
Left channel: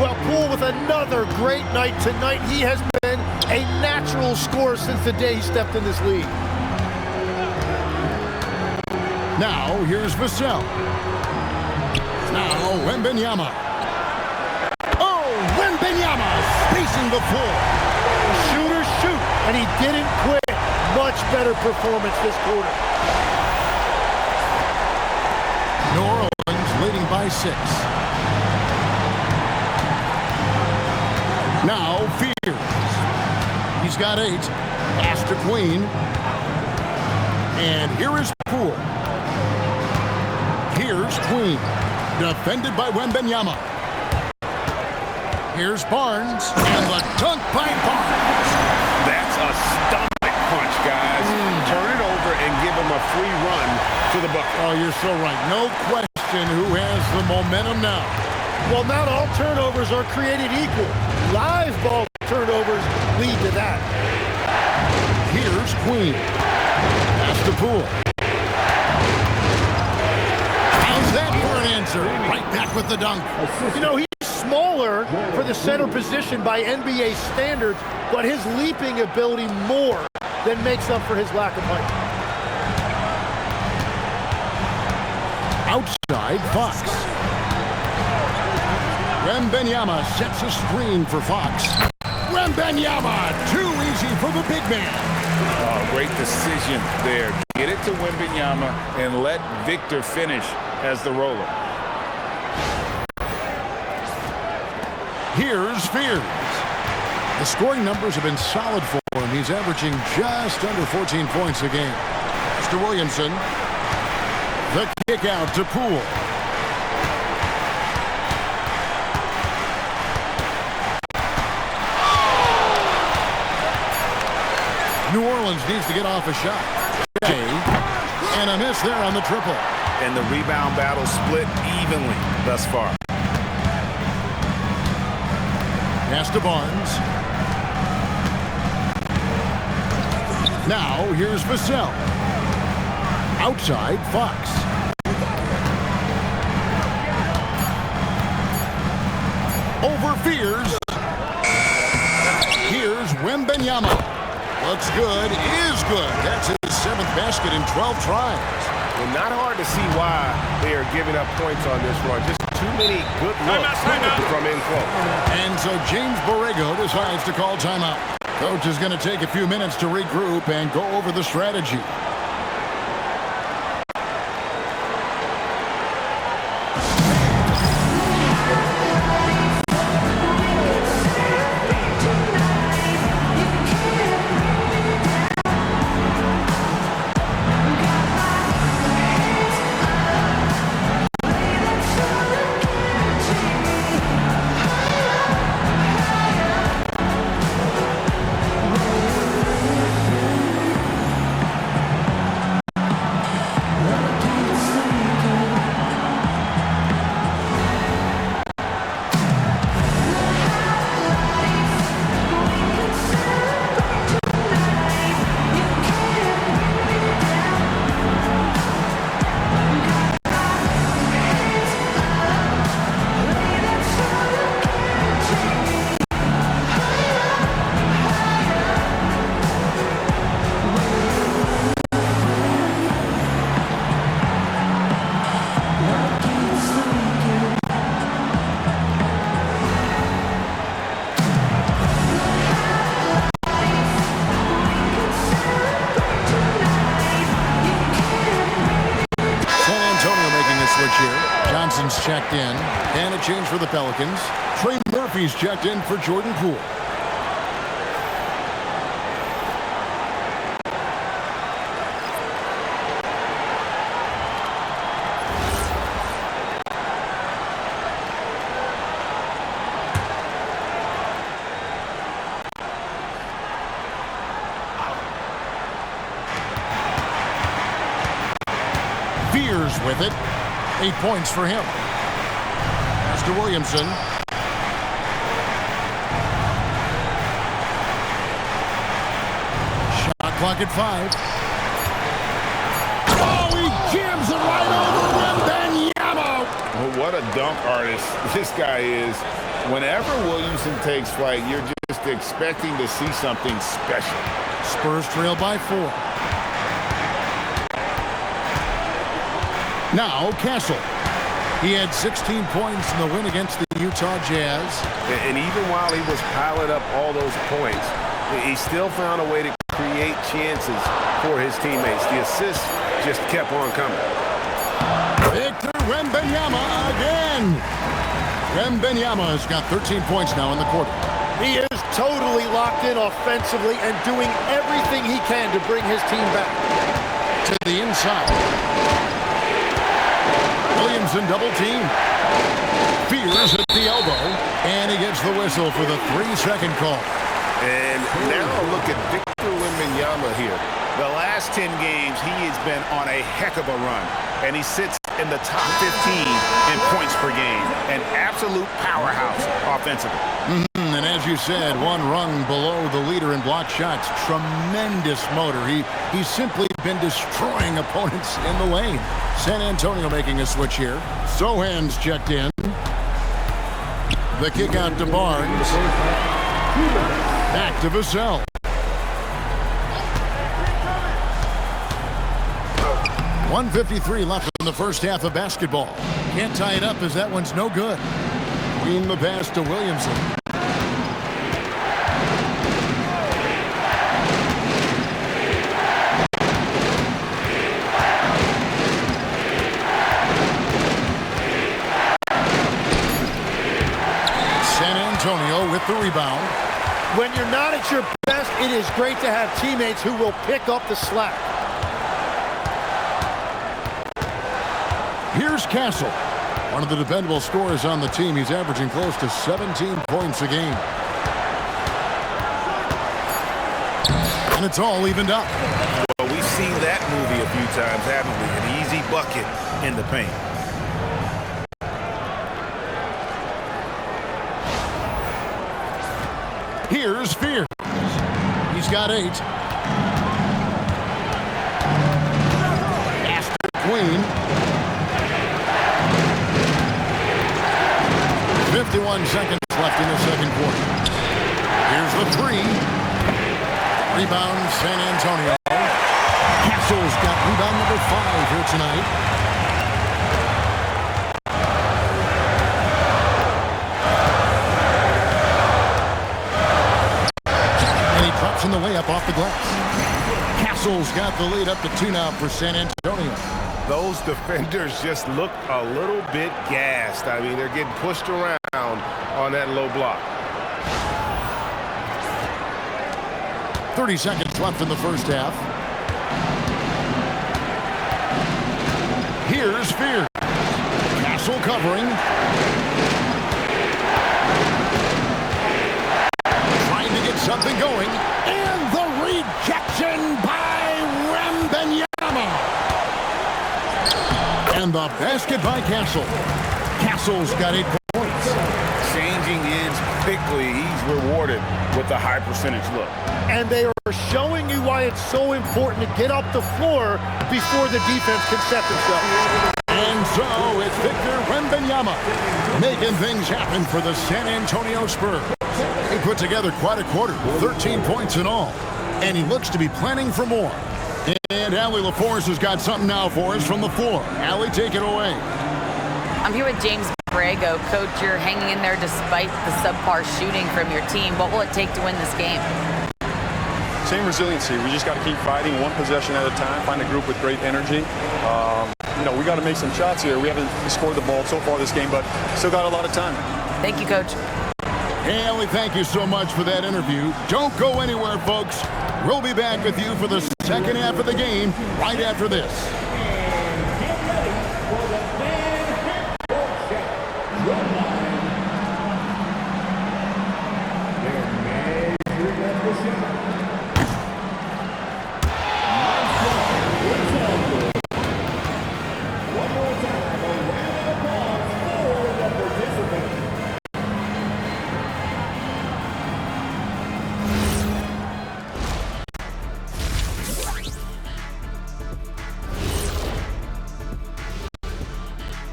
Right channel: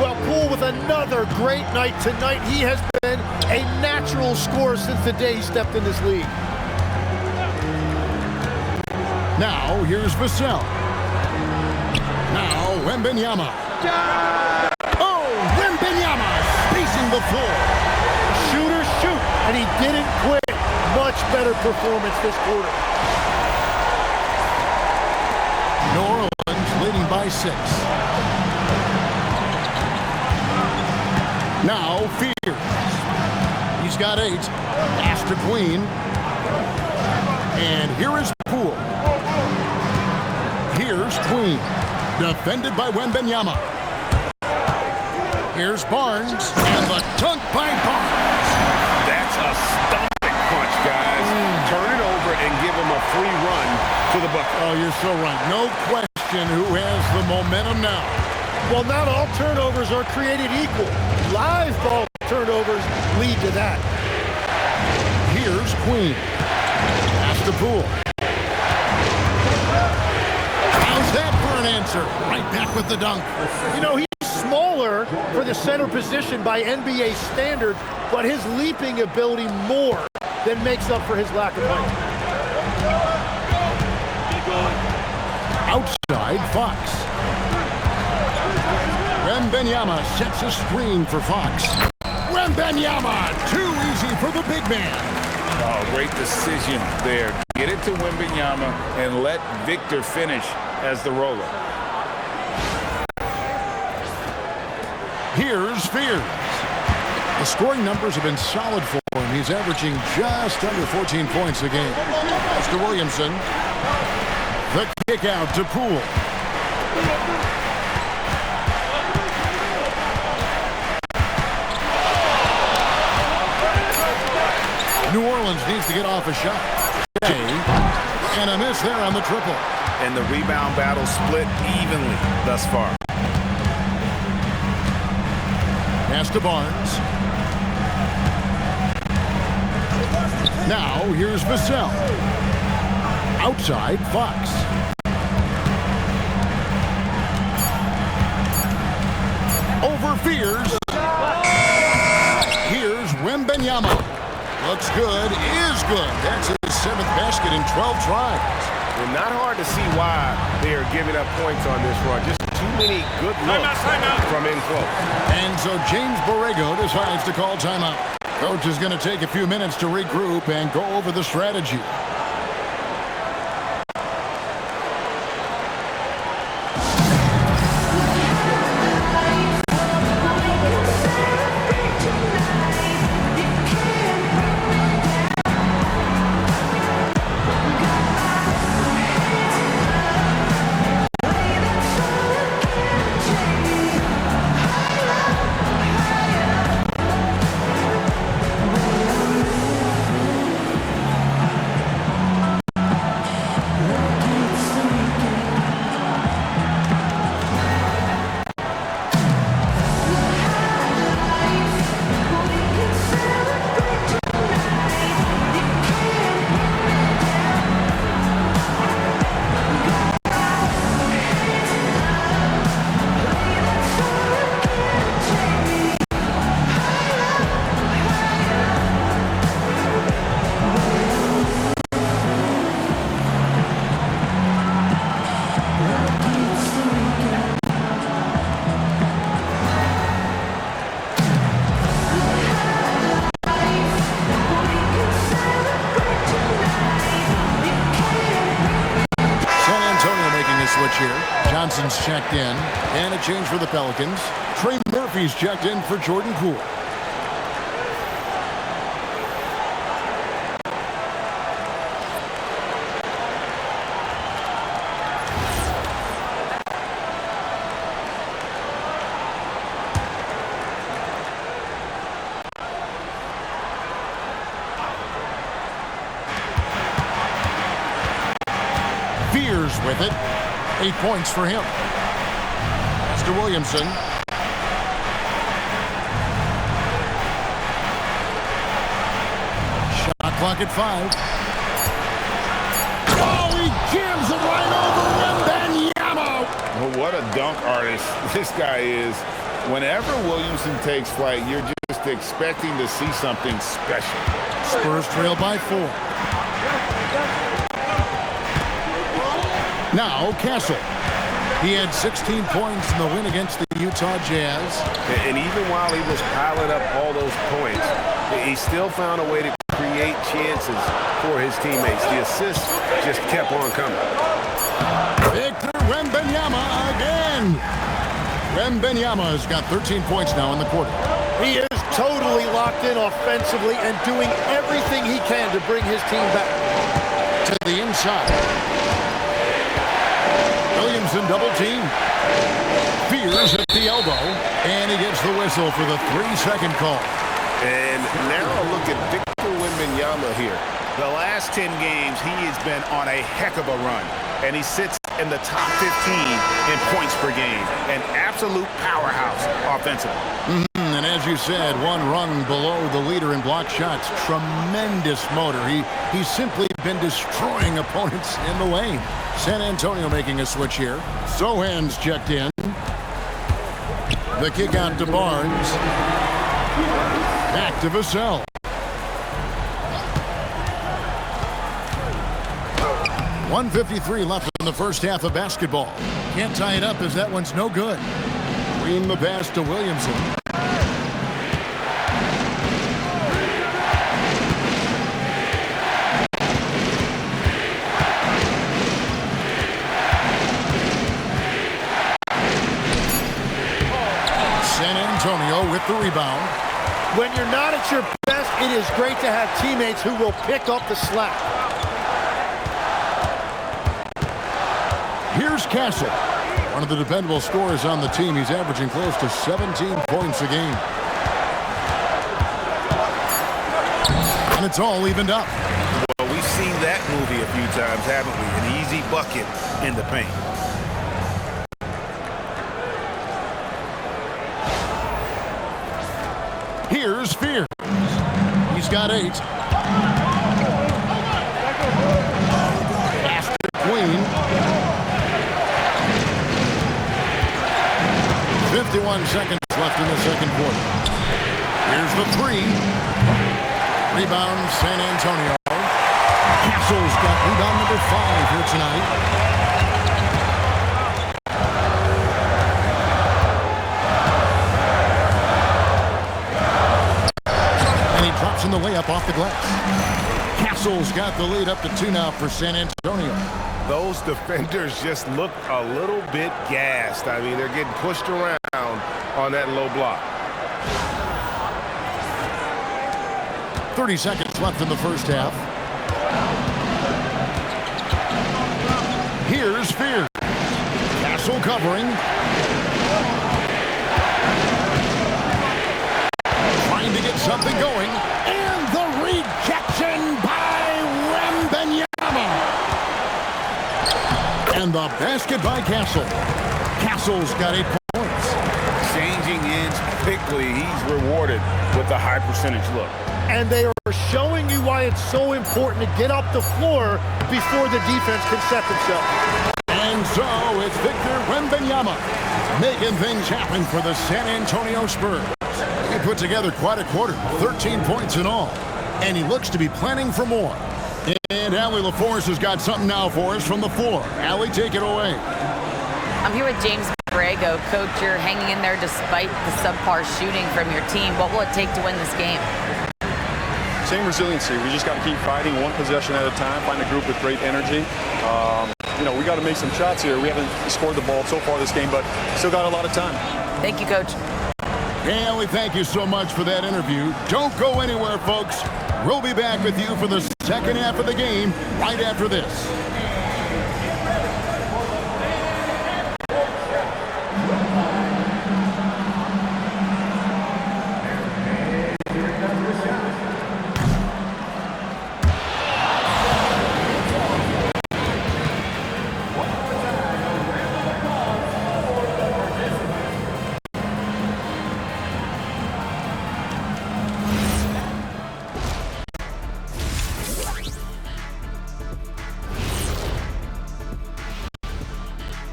Well, Poole with another great night tonight. He has been a natural scorer since the day he stepped in this league. Now, here's Vassell. Now, Wembanyama. Oh, Wembanyama spacing the floor. Shooters shoot, and he didn't quit. Much better performance this quarter. New Orleans leading by 6. Now, Fears. He's got 8. Pass to Queen. And here is Poole. Here's Queen. Defended by Wembanyama. Here's Barnes. And the dunk by Barnes. That's a stomach punch, guys. Turn it over and give him a free run to the bucket. Oh, you're so right. No question who has the momentum now. Well, not all turnovers are created equal. Live ball turnovers lead to that. Here's Queen. Pass to Poole. How's that for an answer? Right back with the dunk. You know, he's smaller for the center position by NBA standards, but his leaping ability more than makes up for his lack of height. Outside Fox. Wembanyama sets a screen for Fox. Wembanyama, too easy for the big man. Oh, great decision there. Get it to Wembanyama and let Victor finish as the roller. Here's Fears. The scoring numbers have been solid for him. He's averaging just under 14 points a game. Pass to Williamson. The kick out to Poole. New Orleans needs to get off a shot. And a miss there on the triple. And the rebound battle split evenly thus far. Pass to Barnes. Now here's Vassell. Outside Fox. Over Fears. Here's Wembanyama. Looks good, is good. That's his 7th basket in 12 tries. And not hard to see why they are giving up points on this run. Just too many good looks from in close. And so James Borrego decides to call timeout. Coach is going to take a few minutes to regroup and go over the strategy. Switch here. Johnson's checked in. And a change for the Pelicans. Trey Murphy's checked in for Jordan Poole. Fears with it. 8 points for him. Pass to Williamson. Shot clock at 5. Oh, he jams it right over Wembanyama. Well, what a dunk artist this guy is. Whenever Williamson takes flight, you're just expecting to see something special. Spurs trail by 4. Now Castle. He had 16 points in the win against the Utah Jazz. And even while he was piling up all those points, he still found a way to create chances for his teammates. The assists just kept on coming. Victor Wembanyama again. Wembanyama has got 13 points now in the quarter. He is totally locked in offensively and doing everything he can to bring his team back. To the inside. Williamson double team. Fears at the elbow. And he gets the whistle for the 3-second call. And now look at Victor Wembanyama here. The last 10 games, he has been on a heck of a run. And he sits in the top 15 in points per game. An absolute powerhouse offensively. And as you said, one rung below the leader in block shots. Tremendous motor. He's simply been destroying opponents in the lane. San Antonio making a switch here. Sohan's checked in. The kick out to Barnes. Back to Vassell. .153 left in the first half of basketball. Can't tie it up as that one's no good. Queen the pass to Williamson. San Antonio with the rebound. When you're not at your best, it is great to have teammates who will pick up the slack. Here's Castle, one of the dependable scorers on the team. He's averaging close to 17 points a game. And it's all evened up. Well, we've seen that movie a few times, haven't we? An easy bucket in the paint. Here's Fears. He's got 8. After Queen. 51 seconds left in the second quarter. Here's the 3. Rebound San Antonio. Castle's got rebound number 5 here tonight. And he drops in the layup off the glass. Castle's got the lead up to 2 now for San Antonio. Those defenders just look a little bit gassed. I mean, they're getting pushed around on that low block. 30 seconds left in the first half. Here's Fears. Castle covering. Trying to get something going. And the rejection by Wembanyama. And the basket by Castle. Castle's got 8 points. Changing ends quickly. He's rewarded with a high percentage look. And they are showing you why it's so important to get up the floor before the defense can set themselves. And so it's Victor Wembanyama making things happen for the San Antonio Spurs. He put together quite a quarter, 13 points in all. And he looks to be planning for more. And Allie LaForce has got something now for us from the floor. Allie, take it away. I'm here with James Borrego. Coach, you're hanging in there despite the subpar shooting from your team. What will it take to win this game? Same resiliency. We just got to keep fighting one possession at a time, find a group with great energy. We got to make some shots here. We haven't scored the ball so far this game, but still got a lot of time. Thank you, Coach. Hey, Allie, thank you so much for that interview. Don't go anywhere, folks. We'll be back with you for the second half of the game right after this.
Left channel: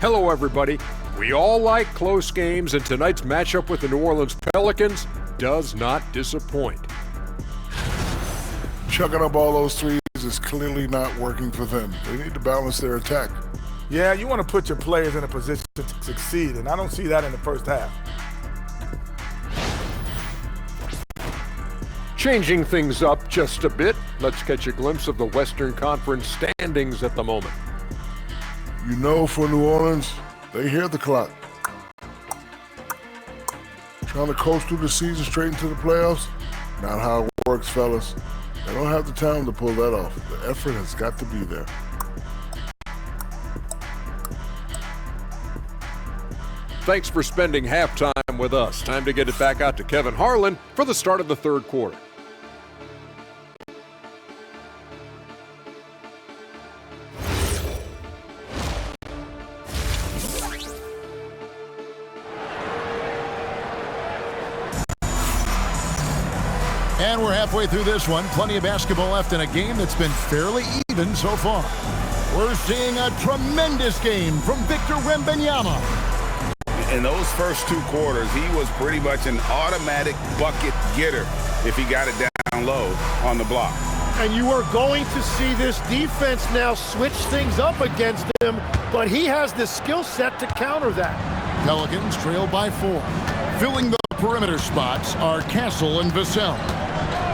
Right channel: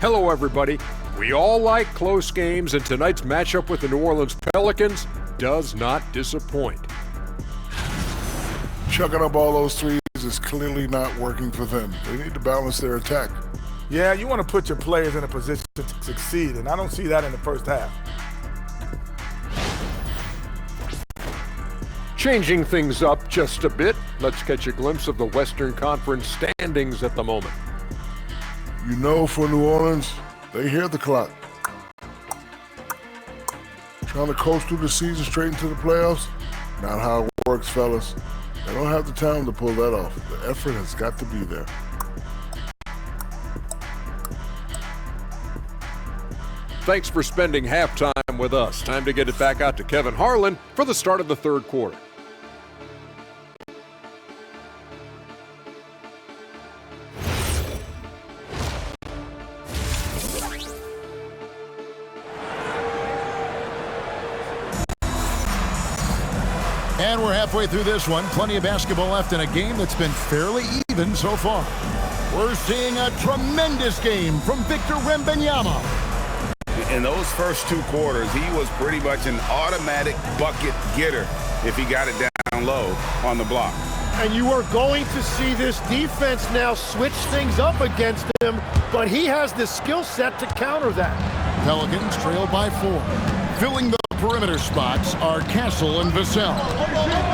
Hello, everybody. We all like close games, and tonight's matchup with the New Orleans Pelicans does not disappoint. Chucking up all those threes is clearly not working for them. They need to balance their attack. Yeah, you want to put your players in a position to succeed, and I don't see that in the first half. Changing things up just a bit, let's catch a glimpse of the Western Conference standings at the moment. You know, for New Orleans, they hear the clock. Trying to coast through the season straight into the playoffs? Not how it works, fellas. They don't have the talent to pull that off. The effort has got to be there. Thanks for spending halftime with us. Time to get it back out to Kevin Harlan for the start of the third quarter. And we're halfway through this one. Plenty of basketball left in a game that's been fairly even so far. We're seeing a tremendous game from Victor Wembanyama. In those first two quarters, he was pretty much an automatic bucket getter if he got it down low on the block. And you are going to see this defense now switch things up against him, but he has the skill set to counter that. Pelicans trail by 4. Filling the perimeter spots are Castle and Vassell.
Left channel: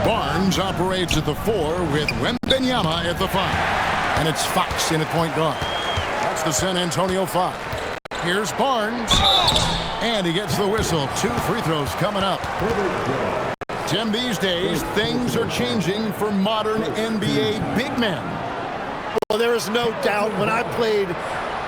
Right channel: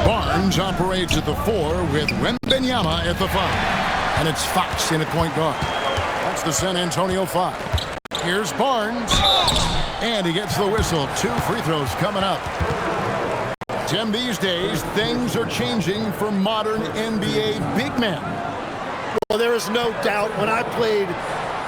Barnes operates at the 4 with Wembanyama at the 5. And it's Fox in at point guard. That's the San Antonio 5. Here's Barnes. And he gets the whistle. 2 free throws coming up. Tim, these days, things are changing for modern NBA big men. Well, there is no doubt when I played,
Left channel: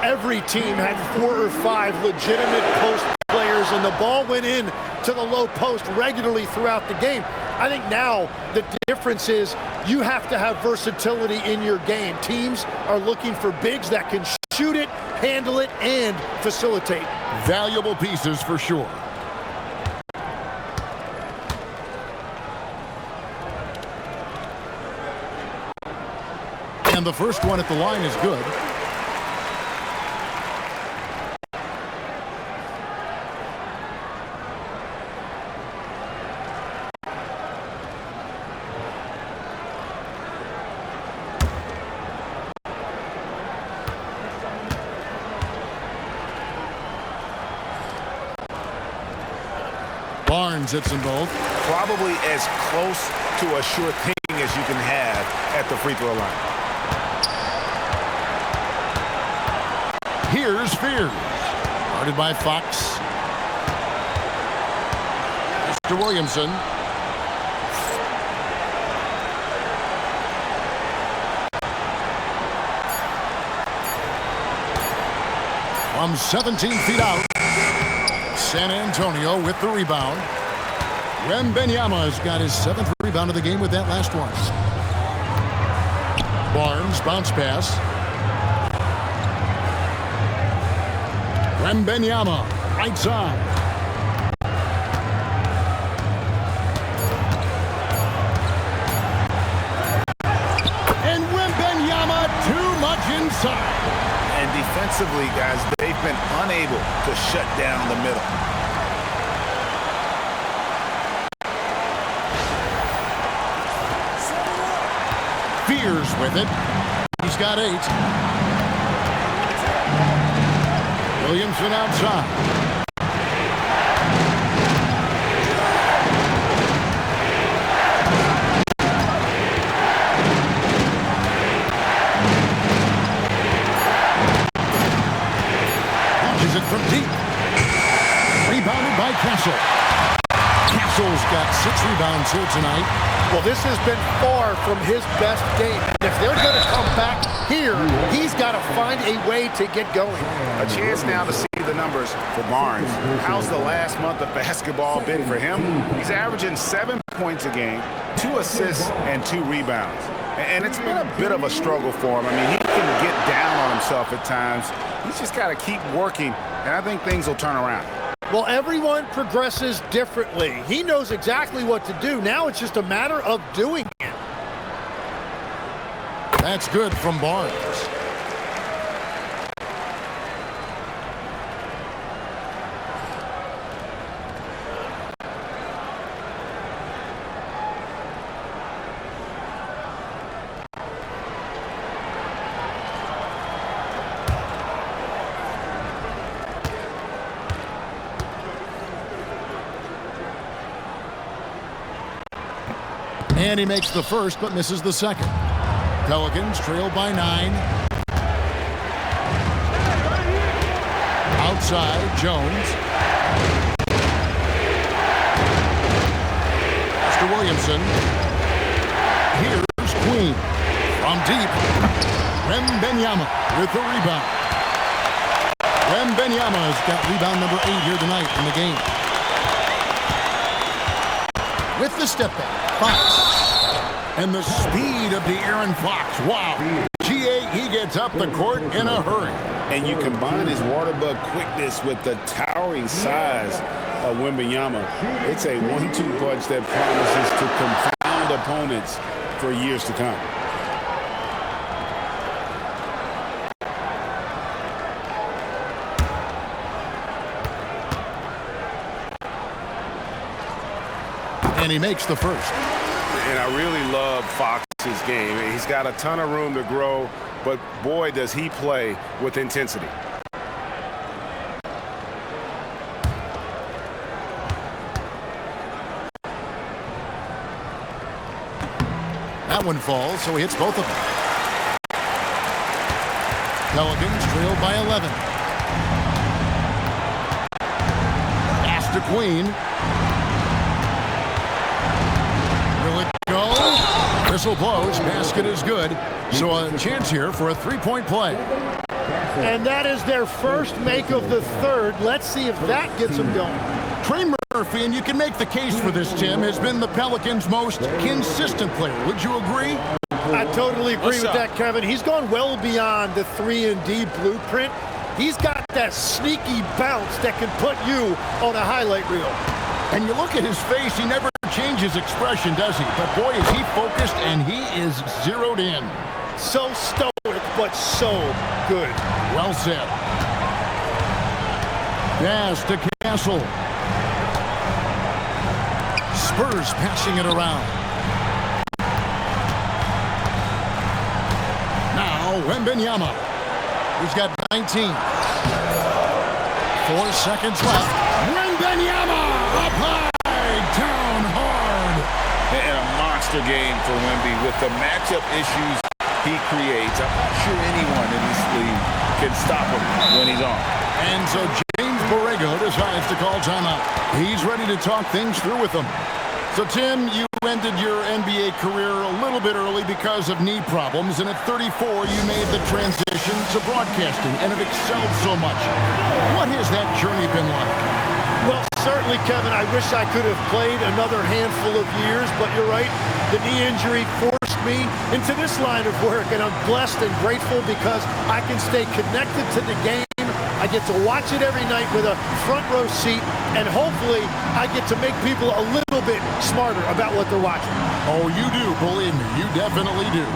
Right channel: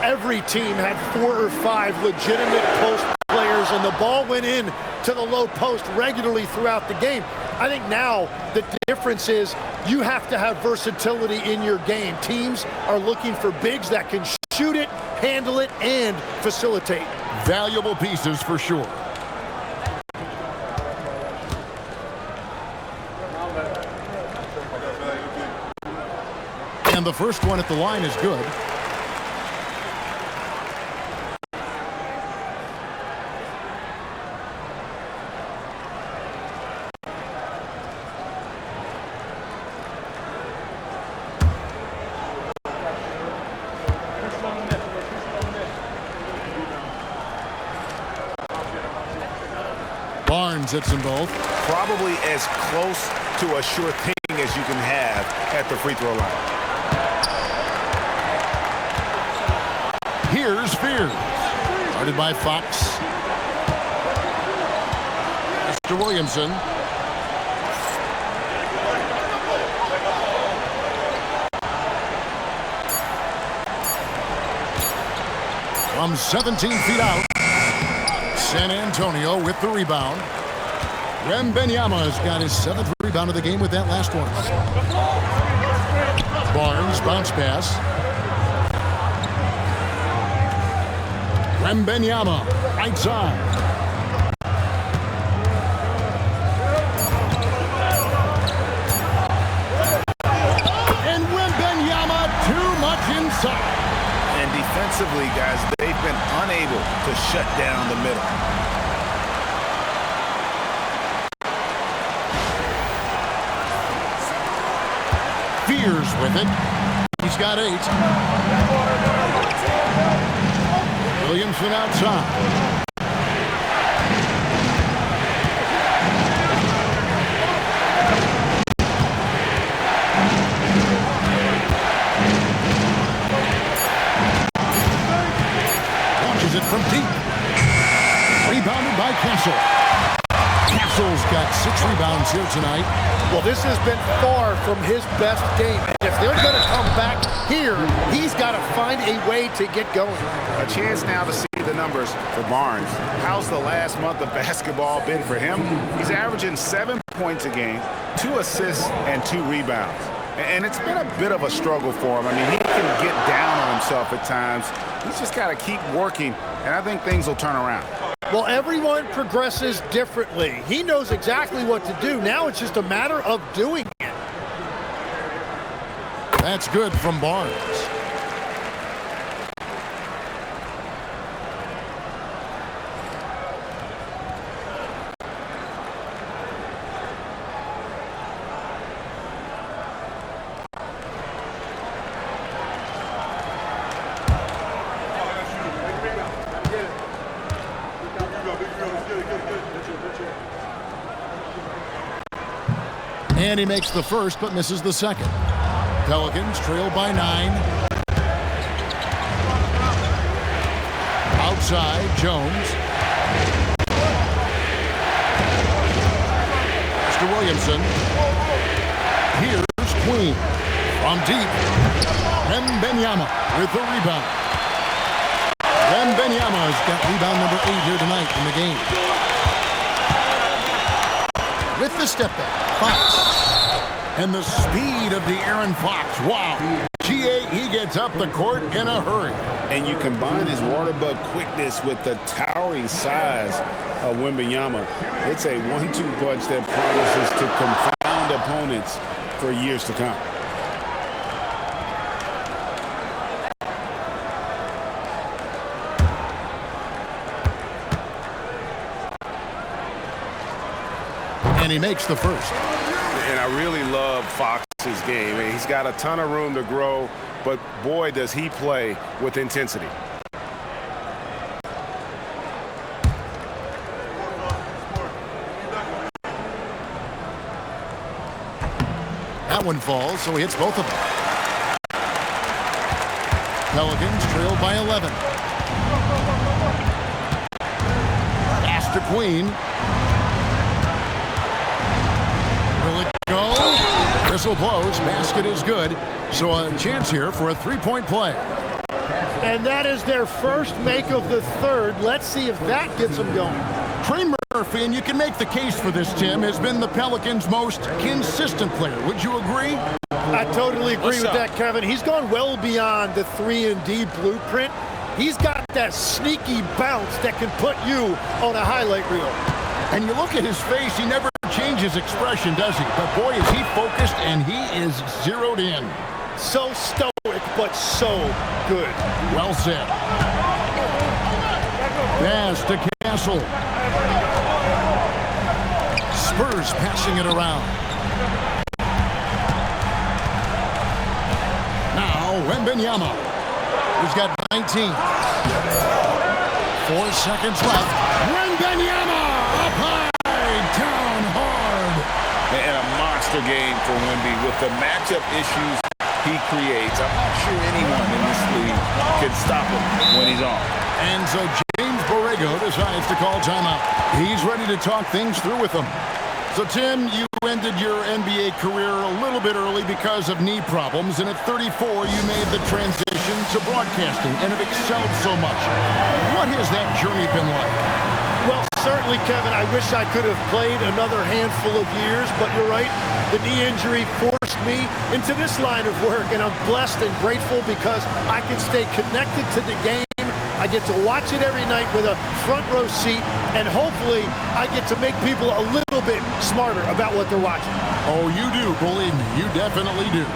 every team had 4 or 5 legitimate post players, and the ball went in to the low post regularly throughout the game. I think now the difference is you have to have versatility in your game. Teams are looking for bigs that can shoot it, handle it, and facilitate. Valuable pieces for sure. And the first one at the line is good. Barnes hits them both. Probably as close to a sure thing as you can have at the free throw line. Here's Fears. Guarded by Fox. Mr. Williamson. From 17 feet out. San Antonio with the rebound. Wembanyama has got his 7th rebound of the game with that last one. Barnes, bounce pass. Wembanyama, right side. And Wembanyama too much inside. And defensively, guys, they've been unable to shut down the middle. Fears with it. He's got 8. Williamson outside. Launches it from deep. Rebounded by Castle. Castle's got 6 rebounds here tonight. Well, this has been far from his best game. And if they're going to come back here, he's got to find a way to get going. A chance now to see the numbers for Barnes. How's the last month of basketball been for him? He's averaging 7 points a game, 2 assists, and 2 rebounds. And it's been a bit of a struggle for him. I mean, he can get down on himself at times. He's just got to keep working, and I think things will turn around. Well, everyone progresses differently. He knows exactly what to do. Now it's just a matter of doing it. That's good from Barnes. And he makes the first but misses the second. Pelicans trail by 9. Outside, Jones. Pass to Williamson. Here's Queen. From deep. Wembanyama with the rebound. Wembanyama's got rebound number 8 here tonight in the game. With the step back, Fox. And the speed of De'Aaron Fox. Wow. GA, he gets up the court in a hurry. And you combine his water bug quickness with the towering size of Wembanyama. It's a 1-2 punch that promises to confound opponents for years to come. And he makes the first. And I really love Fox's game. He's got a ton of room to grow, but boy, does he play with intensity. That one falls, so he hits both of them. Pelicans trail by 11. Pass to Queen. Will it go? Whistle blows. Basket is good. So a chance here for a three-point play. And that is their first make of the third. Let's see if that gets them going. Trey Murphy, and you can make the case for this, Tim, has been the Pelicans' most consistent player. Would you agree? I totally agree with that, Kevin. He's gone well beyond the 3-and-D blueprint. He's got that sneaky bounce that can put you on a highlight reel. And you look at his face, he never changes expression, does he? But boy, is he focused, and he is zeroed in. So stoic, but so good. Well said. Pass to Castle. Spurs passing it around. Now, Wembanyama, who's got 19. 4 seconds left. Wembanyama up high, down hard. And a monster game for Wemby with the matchup issues he creates. I'm not sure anyone in this league can stop him when he's on. And so James Borrego decides to call timeout. He's ready to talk things through with them. So, Tim, you ended your NBA career a little bit early because of knee problems, and at 34, you made the transition to broadcasting and have excelled so much. What has that journey been like? Well, certainly, Kevin, I wish I could have played another handful of years, but you're right. The knee injury forced me into this line of work, and I'm blessed and grateful because I can stay connected to the game. I get to watch it every night with a front row seat, and hopefully I get to make people a little bit smarter about what they're watching. Oh, you do, believe me, you definitely do.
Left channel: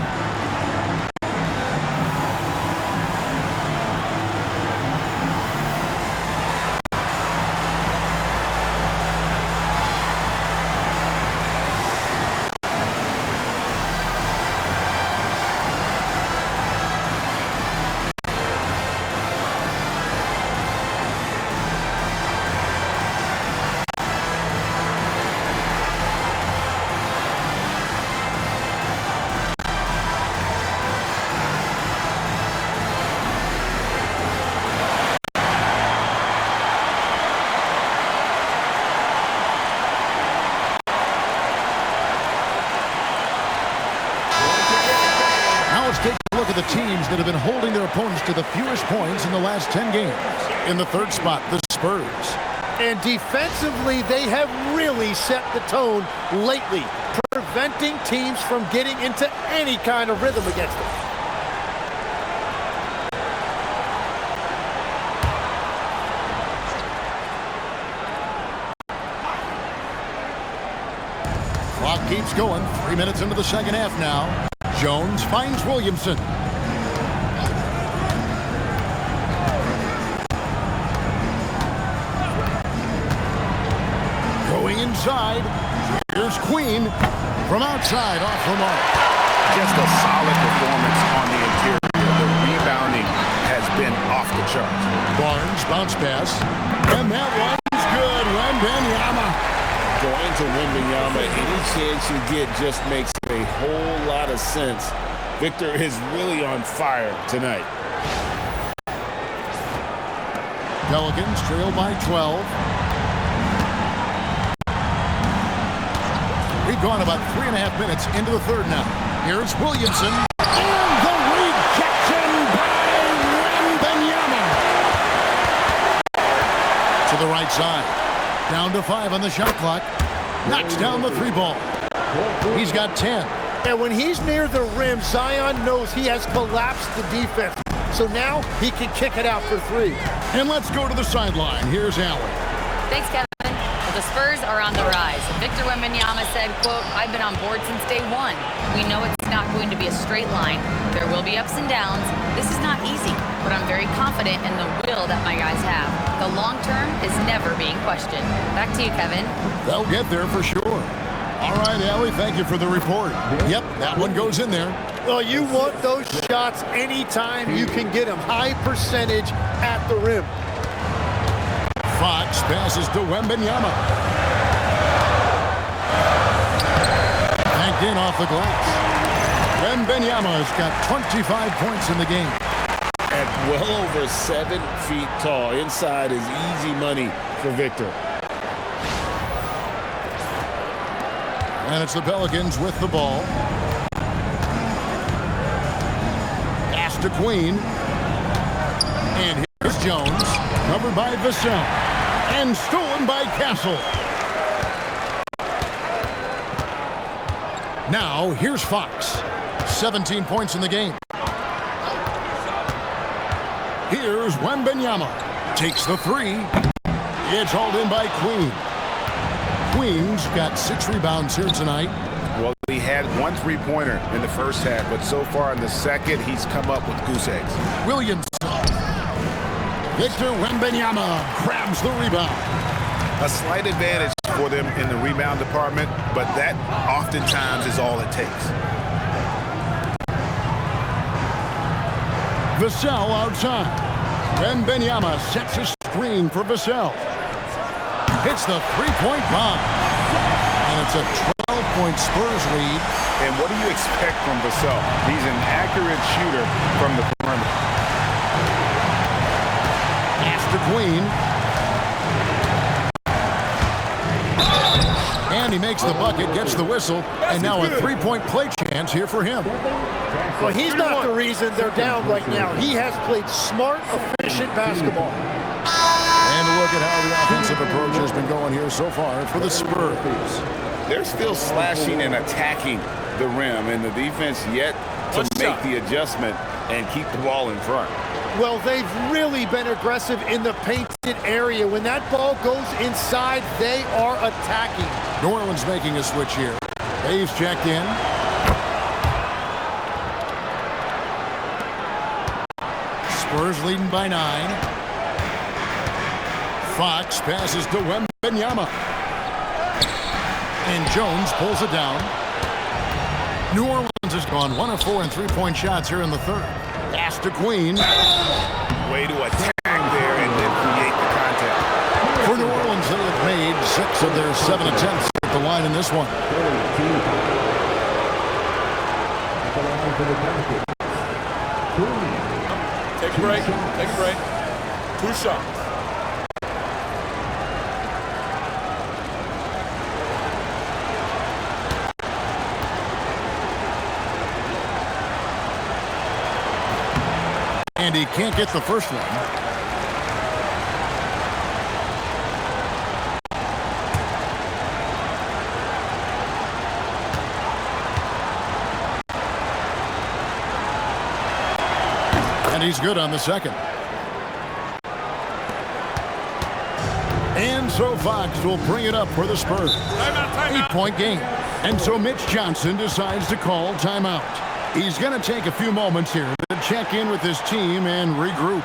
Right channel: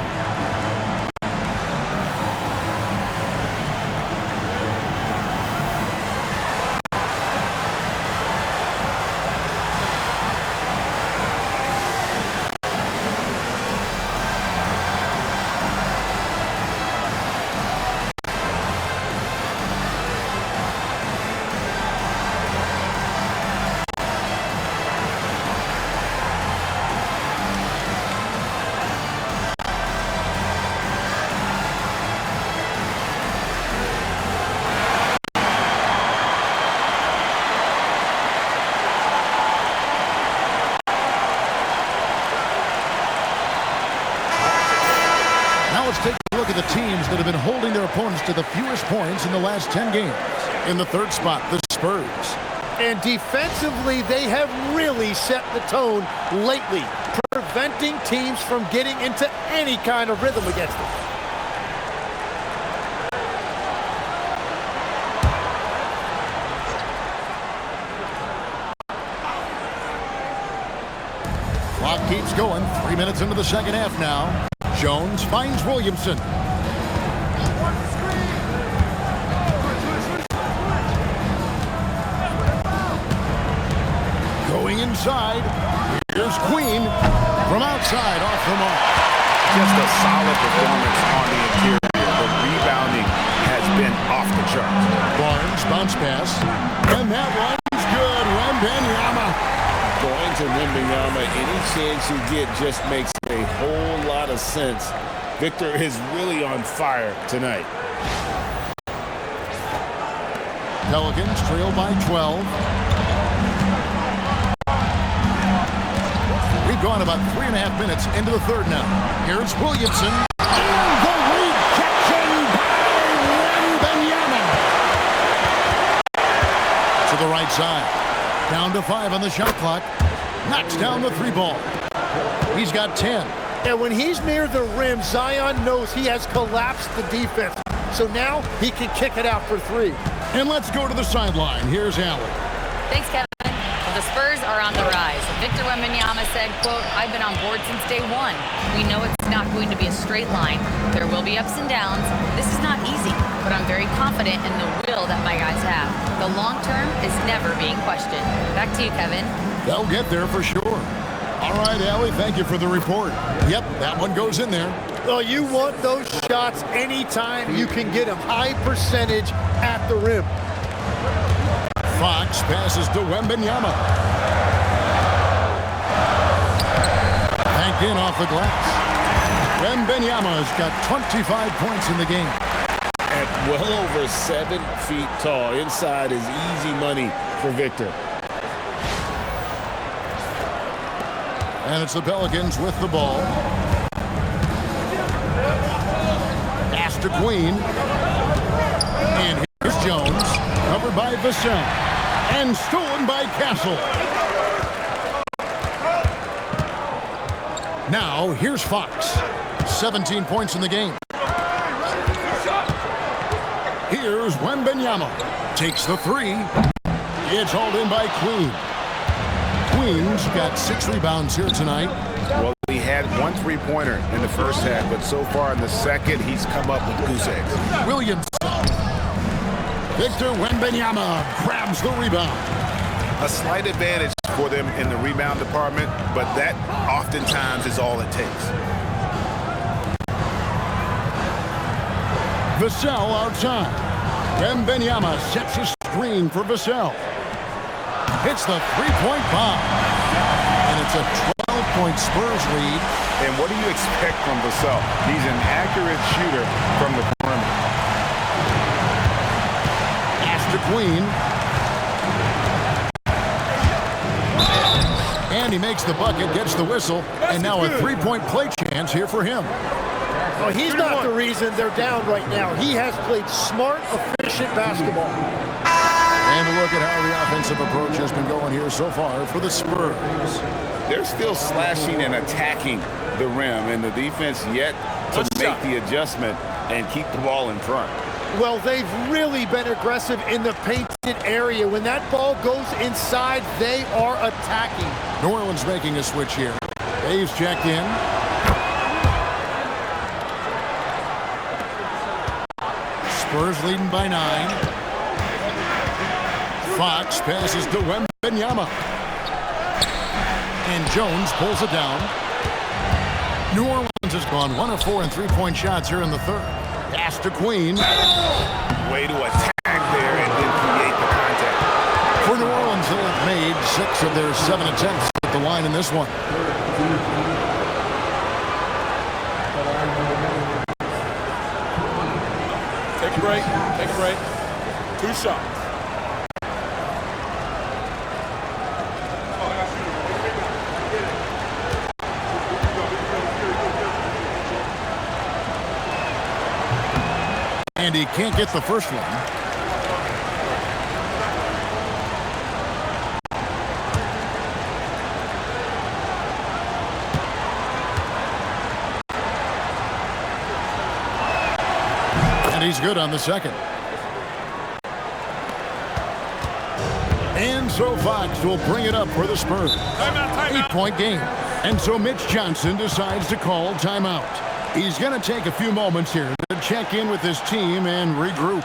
Now let's take a look at the teams that have been holding their opponents to the fewest points in the last 10 games. In the third spot, the Spurs. And defensively, they have really set the tone lately, preventing teams from getting into any kind of rhythm against them. Clock keeps going. 3 minutes into the second half now. Jones finds Williamson. Going inside. Here's Queen from outside off the mark. Just a solid performance on the interior. The rebounding has been off the charts. Barnes bounce pass. And that one's good. Wembanyama. going to Wembanyama any chance you get just makes a whole lot of sense. Victor is really on fire tonight. Pelicans trail by 12. We've gone about 3.5 minutes into the third now. Here's Williamson. And the rejection by Wembanyama. To the right side. Down to 5 on the shot clock. Knocks down the 3 ball. He's got 10. And when he's near the rim, Zion knows he has collapsed the defense. So now he can kick it out for 3. And let's go to the sideline. Here's Allie. Thanks, Kevin. Well, the Spurs are on the rise. Victor Wembanyama said, quote, "I've been on board since day one. We know it's not going to be a straight line. There will be ups and downs. This is not easy, but I'm very confident in the will that my guys have. The long term is never being questioned." Back to you, Kevin. They'll get there for sure. All right, Allie, thank you for the report. Yep, that one goes in there. Well, you want those shots anytime you can get them. High percentage at the rim. Fox passes to Wembanyama. Banked in off the glass. Wembanyama's got 25 points in the game. At well over 7 feet tall, inside is easy money for Victor. And it's the Pelicans with the ball. Pass to Queen. And here's Jones, covered by Vassell. And stolen by Castle. Now, here's Fox. 17 points in the game. Here's Wembanyama. Takes the 3. It's hauled in by Queen. Queen's got 6 rebounds here tonight. Well, he had 1 3-pointer in the first half, but so far in the second, he's come up with goose eggs. Williamson. Victor Wembanyama grabs the rebound. A slight advantage for them in the rebound department, but that oftentimes is all it takes. Vassell outside. Wembanyama sets a screen for Vassell. Hits the 3-point bomb. And it's a 12-point Spurs lead. And what do you expect from Vassell? He's an accurate shooter from the perimeter. Pass to Queen. And he makes the bucket, gets the whistle, and now a 3-point play chance here for him. Well, he's not the reason they're down right now. He has played smart, efficient basketball. And a look at how the offensive approach has been going here so far for the Spurs. They're still slashing and attacking the rim, and the defense yet to make the adjustment and keep the ball in front. Well, they've really been aggressive in the painted area. When that ball goes inside, they are attacking. New Orleans making a switch here. Dave's checked in. Spurs leading by 9. Fox passes to Wembanyama. And Jones pulls it down. New Orleans has gone 1 of 4 in 3-point shots here in the third. Pass to Queen. Way to attack there and then create the contact. For New Orleans, they have made 6 of their 7 attempts at the line in this one. At the line for the Pelicans. Queen. Take a break. Take a break. 2 shots. And he can't get the first one. And he's good on the second. And so Fox will bring it up for the Spurs. Timeout. 8-point game. And so Mitch Johnson decides to call timeout. He's going to take a few moments here to check in with his team and regroup.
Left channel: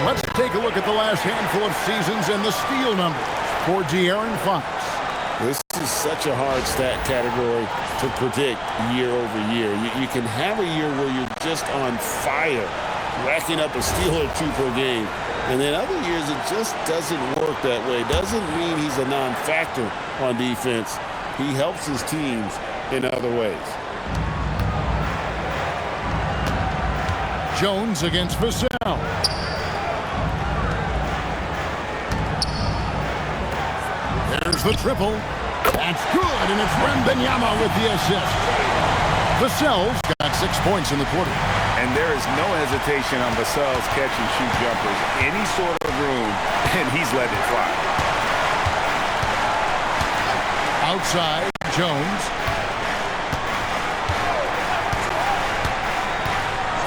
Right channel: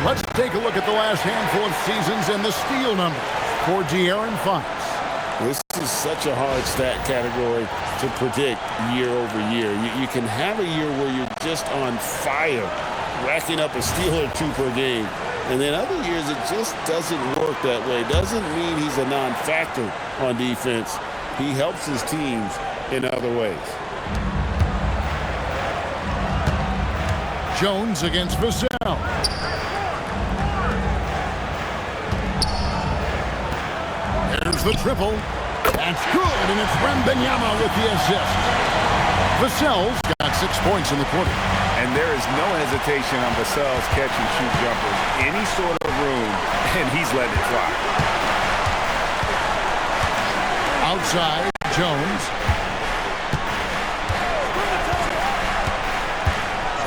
And let's take a look at the last handful of seasons and the steal numbers for De'Aaron Fox. This is such a hard stat category to predict year over year. You can have a year where you're just on fire, racking up a steal or two per game. And then other years, it just doesn't work that way. Doesn't mean he's a non-factor on defense. He helps his teams in other ways. Jones against Vassell. There's the triple. That's good, and it's Wembanyama with the assist. Vassell's got 6 points in the quarter. And there is no hesitation on Vassell's catch-and-shoot jumpers. Any sort of room, and he's letting it fly. Outside, Jones.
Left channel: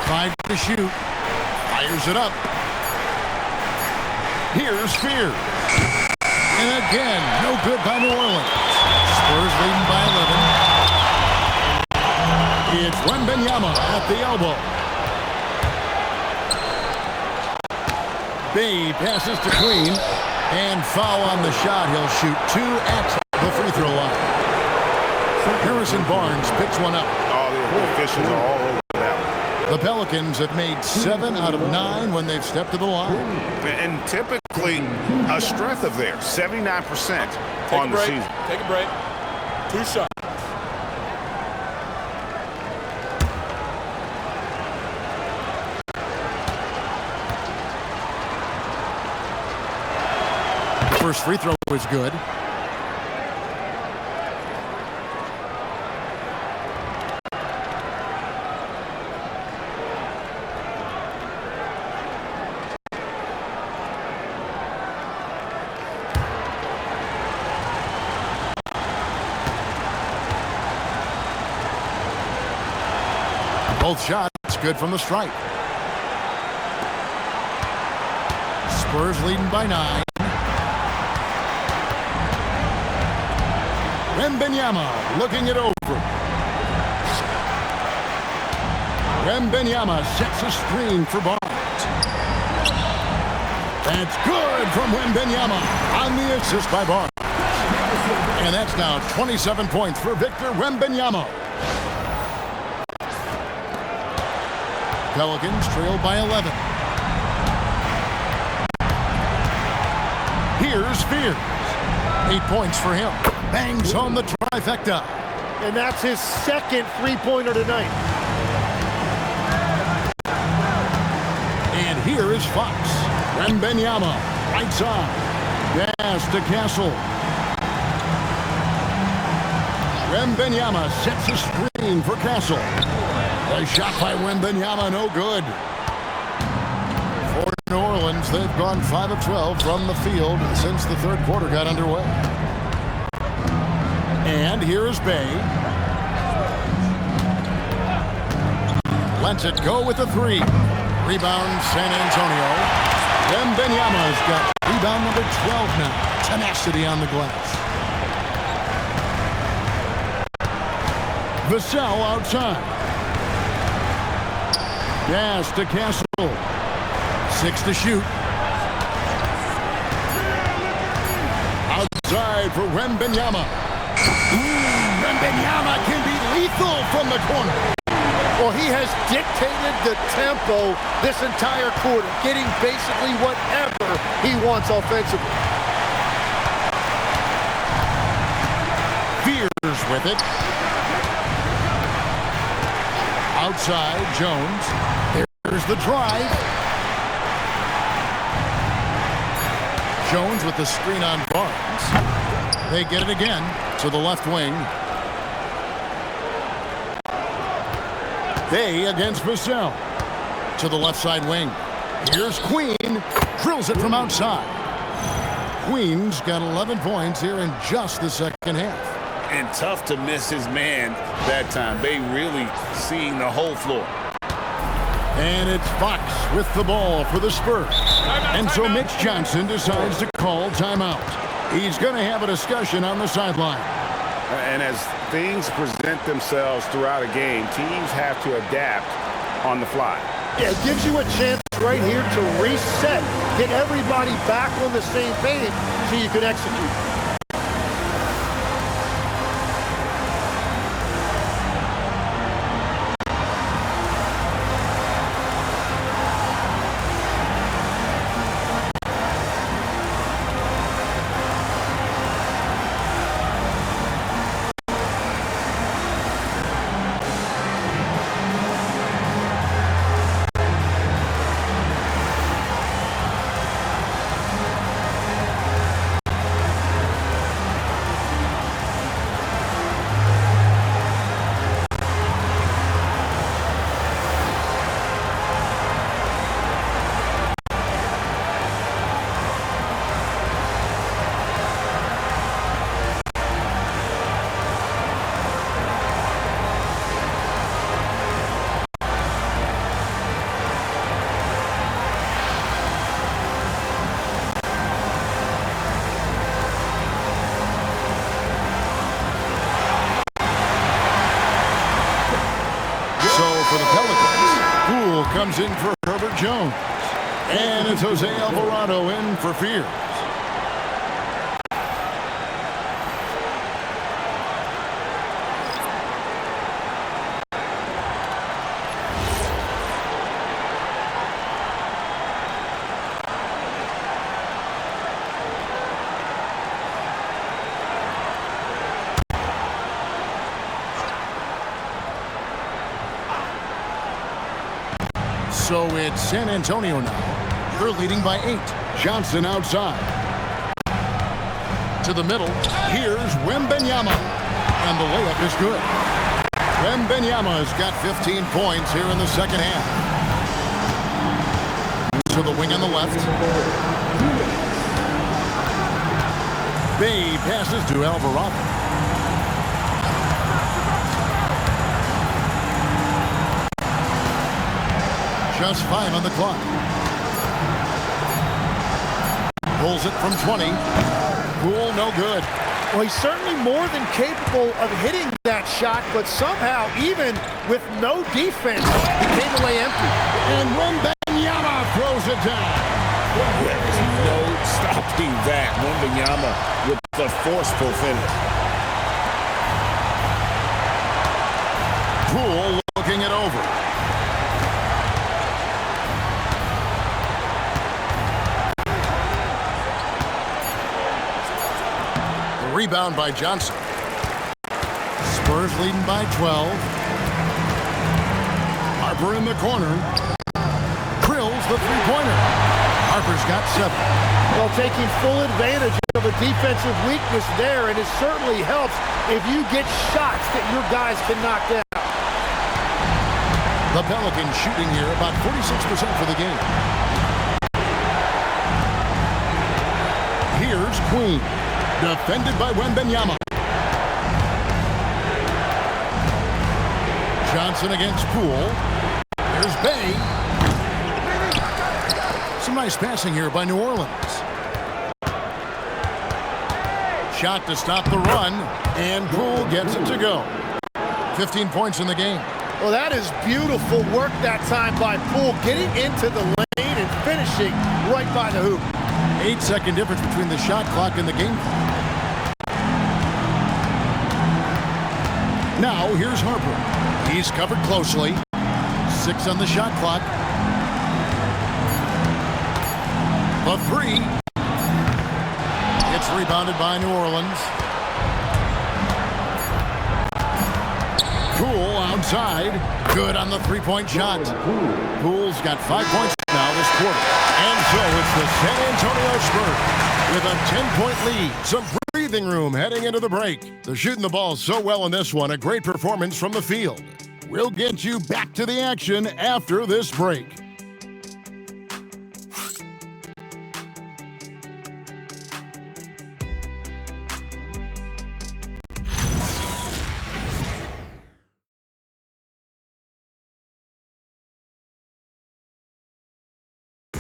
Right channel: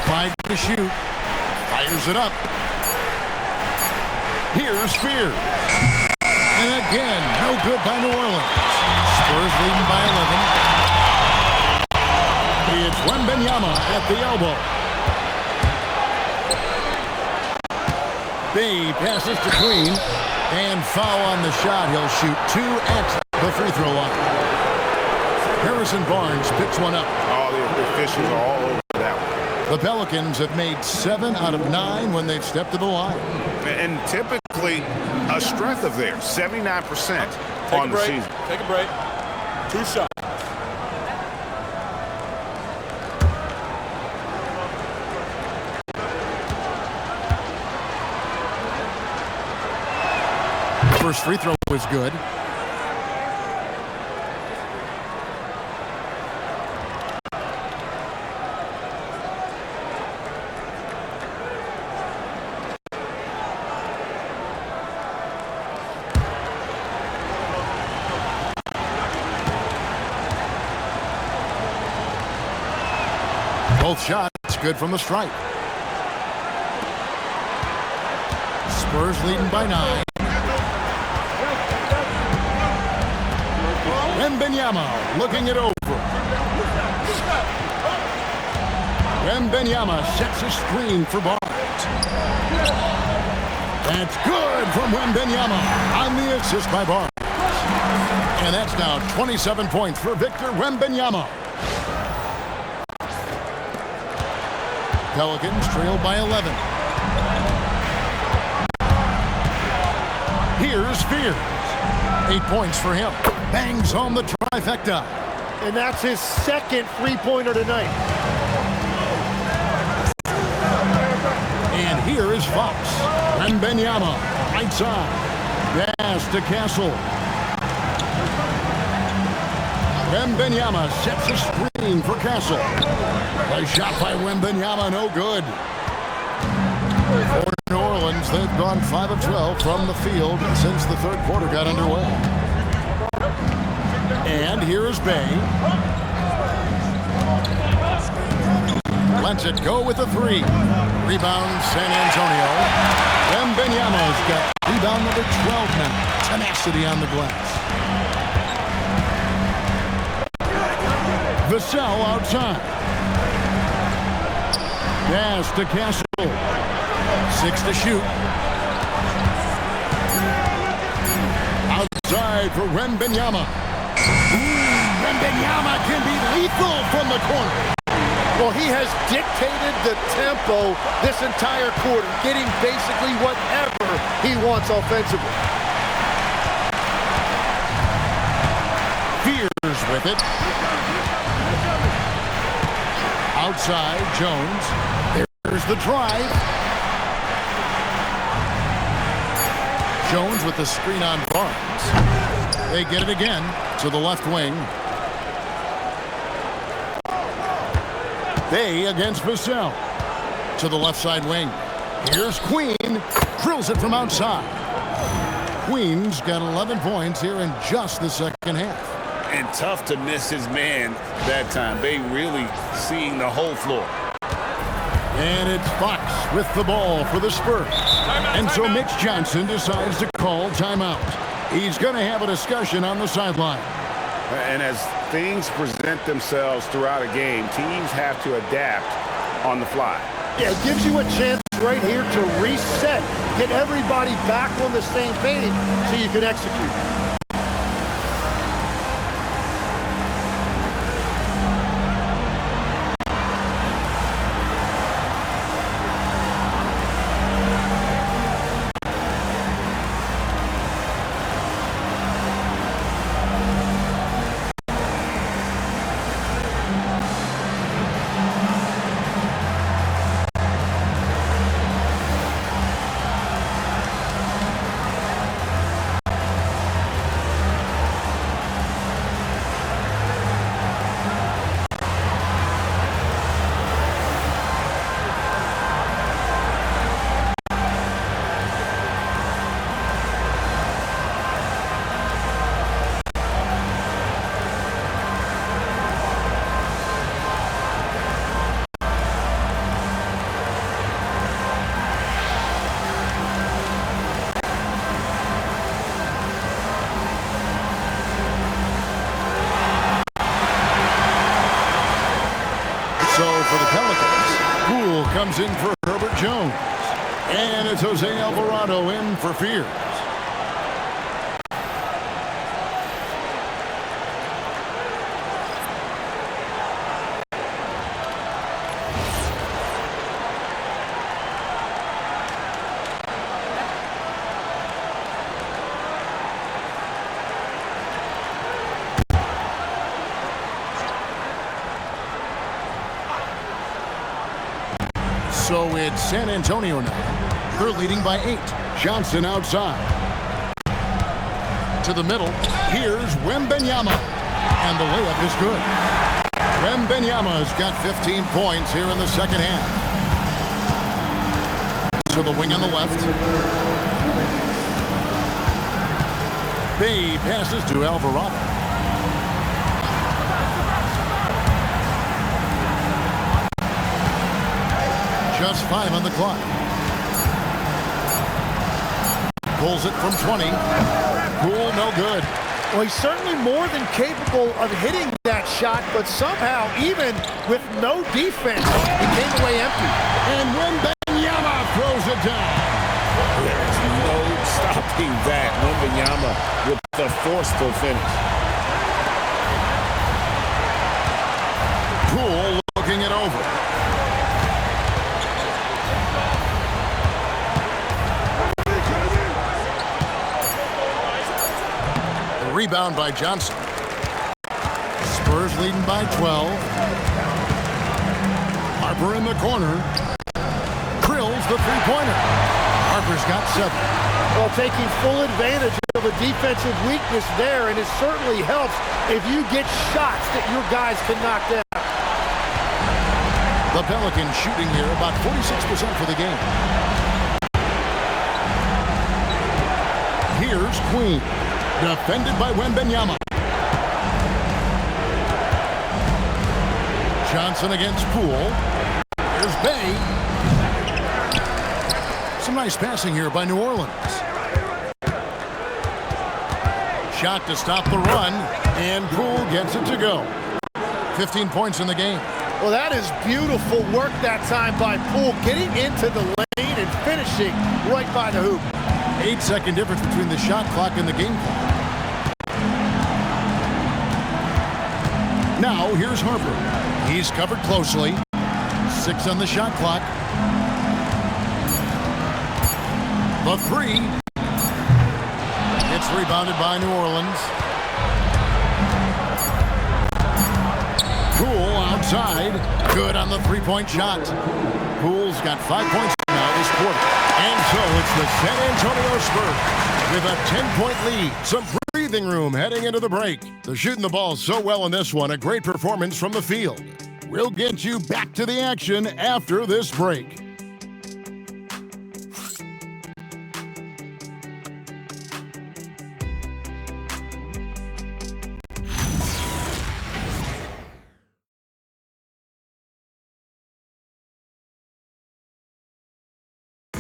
5 to shoot. Fires it up. Here's Spears. And again, no good by New Orleans. Spurs leading by 11. It's Wembanyama at the elbow. Bay passes to Queen. And foul on the shot. He'll shoot 2 at the free throw line. Harrison Barnes picks one up. Oh, the officials are all over that one. The Pelicans have made 7 out of 9 when they've stepped to the line. And typically a strength of theirs, 79% on the season. Take a break. 2 shots. The first free throw was good. Both shots good from the stripe. Spurs leading by 9. Wembanyama looking it over. Wembanyama sets a screen for Barnes. That's good from Wembanyama on the assist by Barnes. And that's now 27 points for Victor Wembanyama. Pelicans trail by 11. Here's Spears. 8 points for him. Bangs home the trifecta. And that's his second three-pointer tonight. And here is Fox. Wembanyama, right side. Pass to Castle. Wembanyama sets a screen for Castle. The shot by Wembanyama, no good. For New Orleans, they've gone 5 of 12 from the field since the third quarter got underway. And here is Bay. Lets it go with a 3. Rebound, San Antonio. Wembanyama's got rebound number 12 now. Tenacity on the glass. Vassell outside. Pass to Castle. 6 to shoot. Outside for Wembanyama. Wembanyama can be lethal from the corner. Well, he has dictated the tempo this entire quarter, getting basically whatever he wants offensively. Fears with it. Outside, Jones. There's the drive. Jones with the screen on Barnes. They get it again to the left wing. Bay against Vassell. To the left side wing. Here's Queen. Drills it from outside. Queen's got 11 points here in just the second half. And tough to miss his man that time. Bay really seeing the whole floor. And it's Fox with the ball for the Spurs. And so Mitch Johnson decides to call timeout. He's going to have a discussion on the sideline. And as things present themselves throughout a game, teams have to adapt on the fly. Yeah, it gives you a chance right here to reset, get everybody back on the same page so you can execute. So for the Pelicans, Poole comes in for Herbert Jones. And it's Jose Alvarado in for Fears. So it's San Antonio now. They're leading by 8. Johnson outside. To the middle. Here's Wembanyama. And the layup is good. Wembanyama's got 15 points here in the second half. To the wing on the left. Bay passes to Alvarado. Just 5 on the clock. Pulls it from 20. Poole, no good. Well, he's certainly more than capable of hitting that shot, but somehow, even with no defense, he came away empty. And Wembanyama throws it down. There is no stopping that. Wembanyama with the forceful finish. Poole looking it over. Rebound by Johnson. Spurs leading by 12. Harper in the corner. Drills the three-pointer. Harper's got 7. Well, taking full advantage of a defensive weakness there, and it certainly helps if you get shots that your guys can knock down. The Pelicans shooting here about 46% for the game. Here's Queen. Defended by Wembanyama. Johnson against Poole. Here's Bay. Some nice passing here by New Orleans. Shot to stop the run, and Poole gets it to go. 15 points in the game. Well, that is beautiful work that time by Poole, getting into the lane and finishing right by the hoop. 8-second difference between the shot clock and the game clock. Now, here's Harper. He's covered closely. 6 on the shot clock. The 3. It's rebounded by New Orleans. Poole outside. Good on the three-point shot. Poole's got 5 points now this quarter. And so it's the San Antonio Spurs with a 10-point lead. Some breathing room heading into the break. They're shooting the ball so well in this one. A great performance from the field. We'll get you back to the action after this break.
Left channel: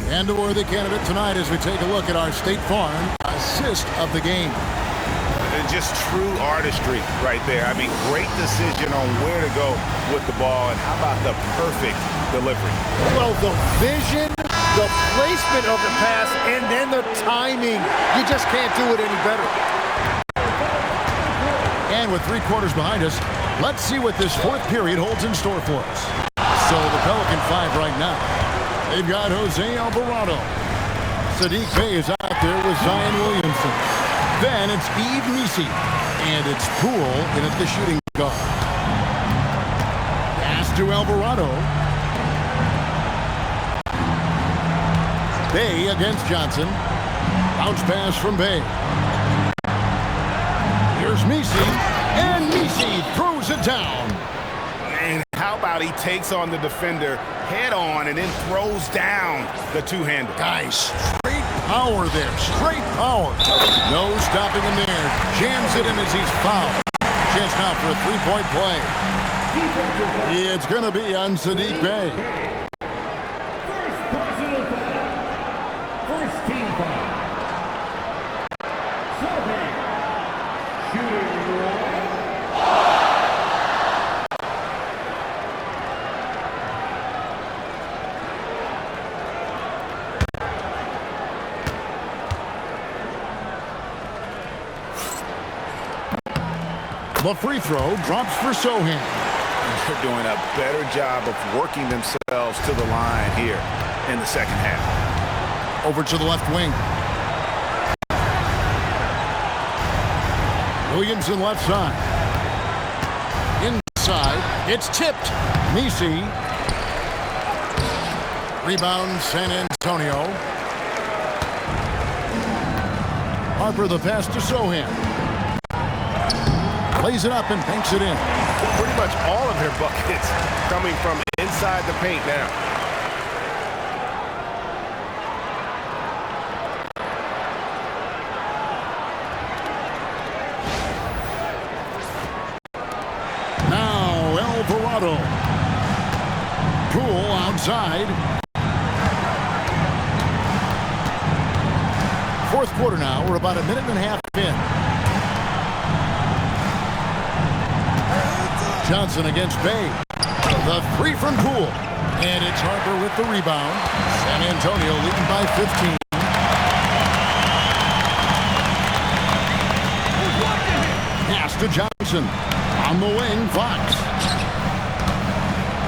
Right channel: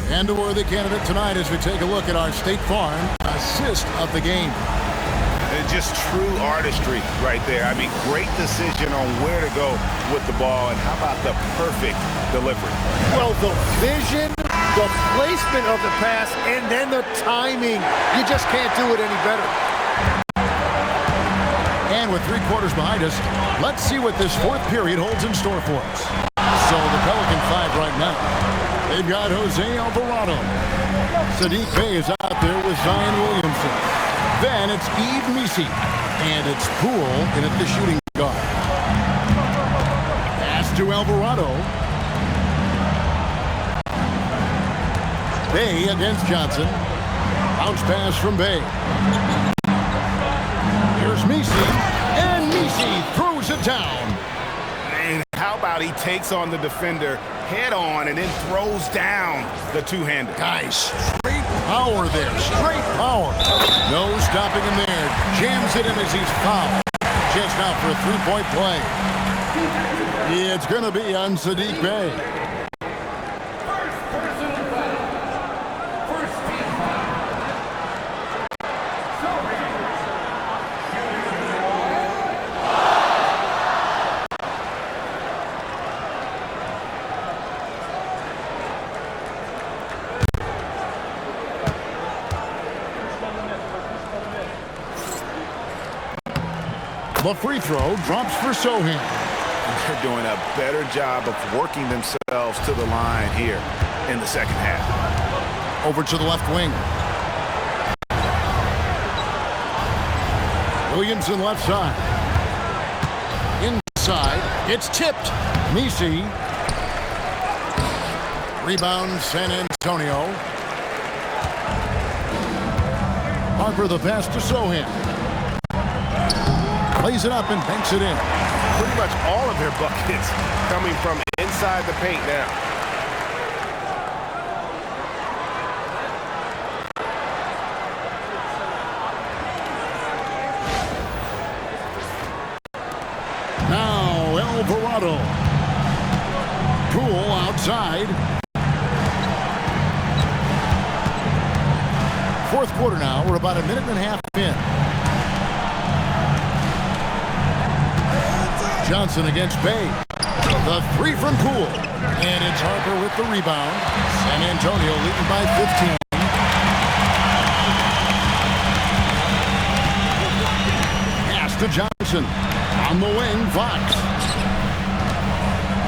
And a worthy candidate tonight as we take a look at our State Farm assist of the game. And just true artistry right there. I mean, great decision on where to go with the ball, and how about the perfect delivery? Well, the vision, the placement of the pass, and then the timing. You just can't do it any better. And with 3 quarters behind us, let's see what this 4th period holds in store for us. So the Pelican 5 right now. They've got Jose Alvarado. Sadiq Bey is out there with Zion Williamson. Then it's Yves Missi. And it's Poole in at the shooting guard. Pass to Alvarado. Bey against Johnson. Bounce pass from Bey. Here's Missi, and Missi throws it down. And how about he takes on the defender head on and then throws down the two-hander? Guys, straight power there, straight power. No stopping him there. Jams it in as he's fouled. Chance now for a 3-point play. It's going to be on Sadiq Bey. First personal foul. First team foul. Sohan. Shooting one. The free throw drops for Sohan. They're doing a better job of working themselves to the line here in the second half. Over to the left wing. Williamson left side. Inside. It's tipped. Missi. Rebound San Antonio. Harper the pass to Sohan. Plays it up and banks it in. Pretty much all of their buckets coming from inside the paint now. Now Alvarado. Poole outside. 4th quarter now. We're about a minute and a half in. Johnson against Bey. The 3 from Poole. And it's Harper with the rebound. San Antonio leading by 15. Pass to Johnson. On the wing, Fox.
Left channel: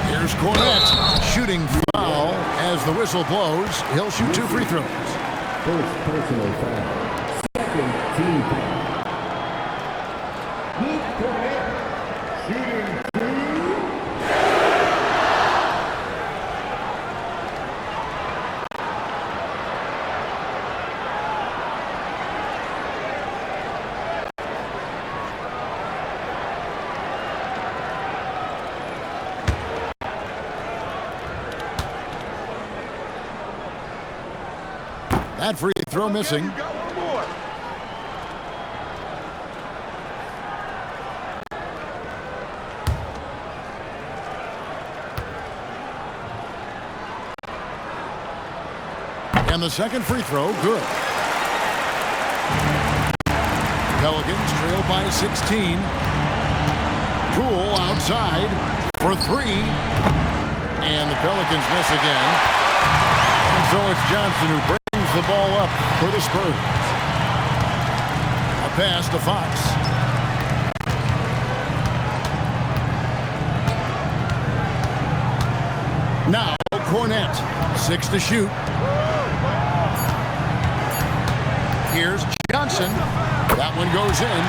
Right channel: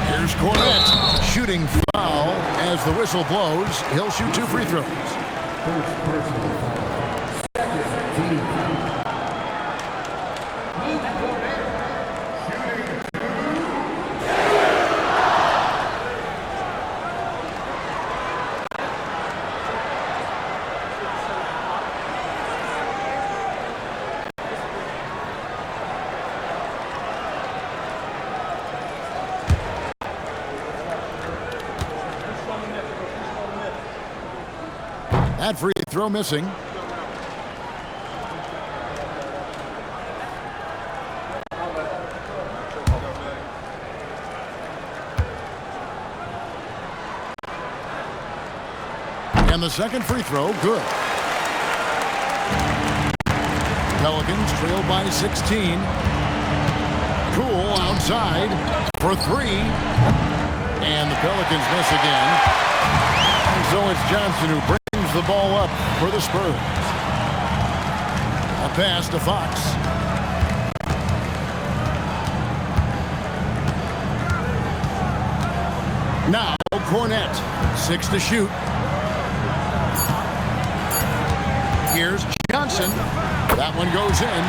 Here's Cornette. Shooting foul as the whistle blows. He'll shoot 2 free throws. First personal foul. Second team foul. Luke Cornette. Shooting 2. That free throw missing. And the second free throw, good. Pelicans trail by 16. Poole outside for 3. And the Pelicans miss again. And so it's Johnson who brings the ball up for the Spurs. A pass to Fox. Now Cornette. 6 to shoot. Here's Johnson. That one goes in.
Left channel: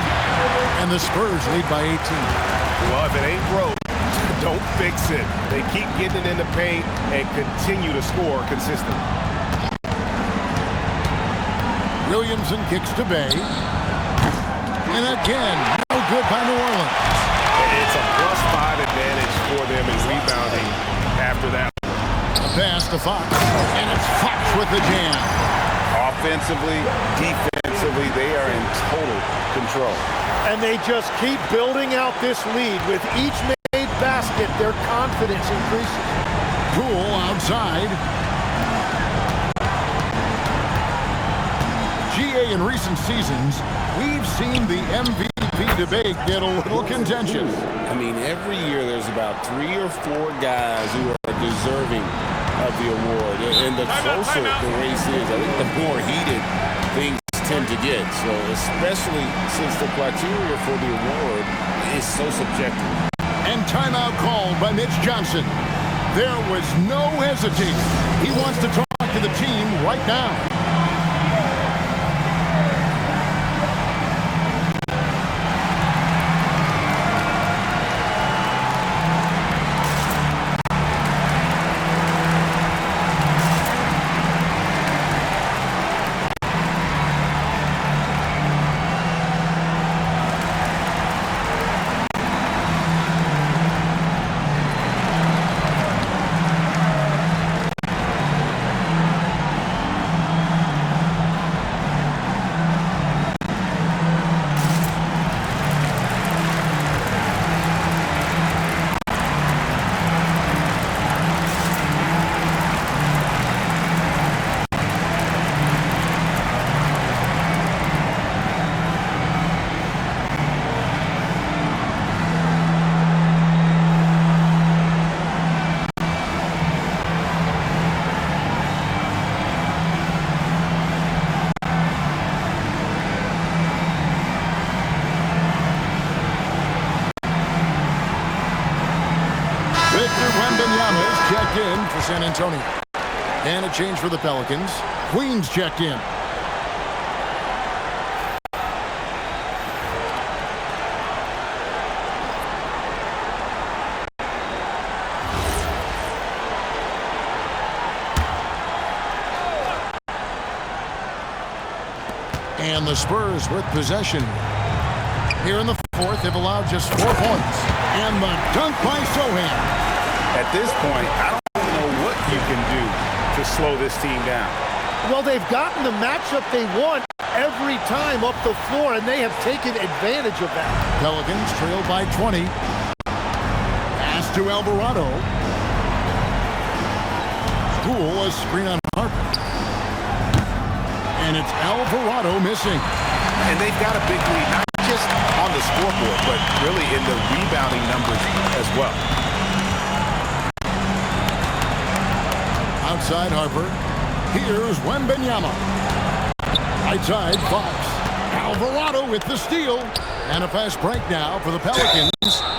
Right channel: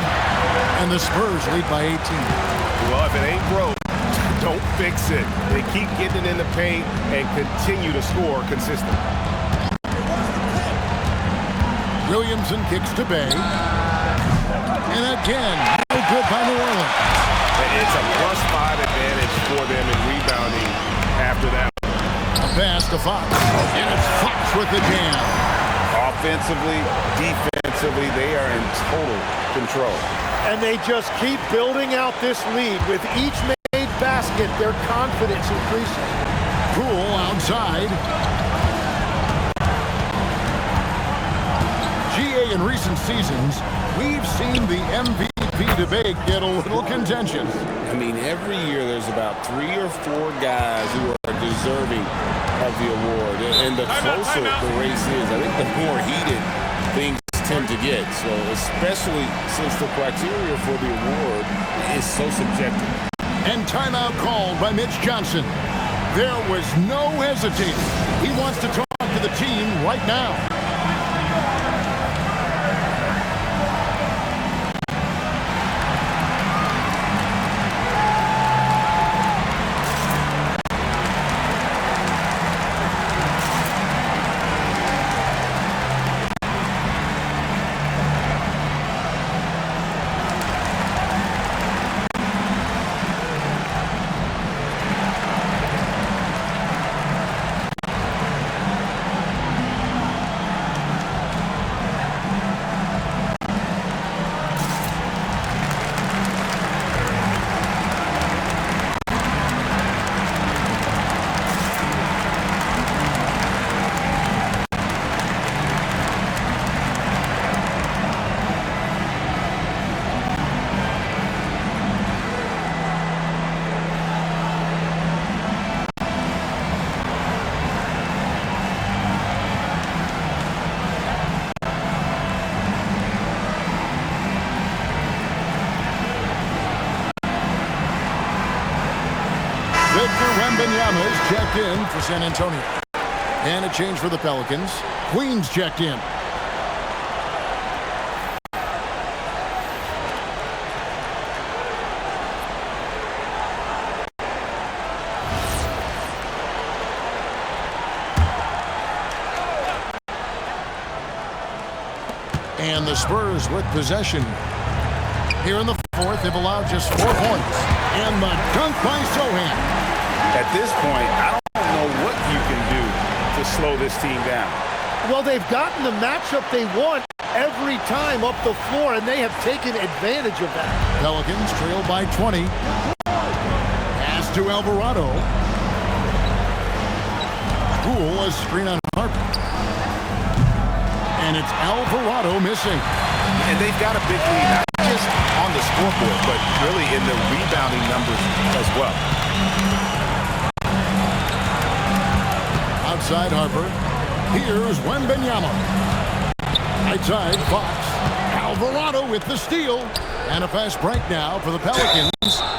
And the Spurs lead by 18. Well, if it ain't broke, don't fix it. They keep getting it in the paint and continue to score consistently. Williamson kicks to Bey. And again, no good by New Orleans. It's a +5 advantage for them in rebounding after that. A pass to Fox. And it's Fox with the jam. Offensively, defensively, they are in total control. And they just keep building out this lead. With each made basket, their confidence increases. Poole outside. GA in recent seasons we've seen the MVP debate get a little contentious. I mean, every year there's about 3 or 4 guys who are deserving of the award. And the closer the race is, I think the more heated things tend to get. So especially since the criteria for the award is so subjective. And timeout called by Mitch Johnson. There was no hesitating. He wants to talk to the team right now. Victor Wembanyama is checked in for San Antonio. And a change for the Pelicans. Queens checked in. And the Spurs with possession. Here in the fourth, they've allowed just 4 points. And the dunk by Sohan. At this point, I don't know what you can do to slow this team down. Well, they've gotten the matchup they want every time up the floor, and they have taken advantage of that. Pelicans trail by 20. Pass to Alvarado. Poole, a screen on Harper. And it's Alvarado missing. And they've got a big lead, not just on the scoreboard, but really in the rebounding numbers as well. Outside Harper. Here's Wembanyama. Right side, Fox. Alvarado with the steal. And a fast break now for the Pelicans.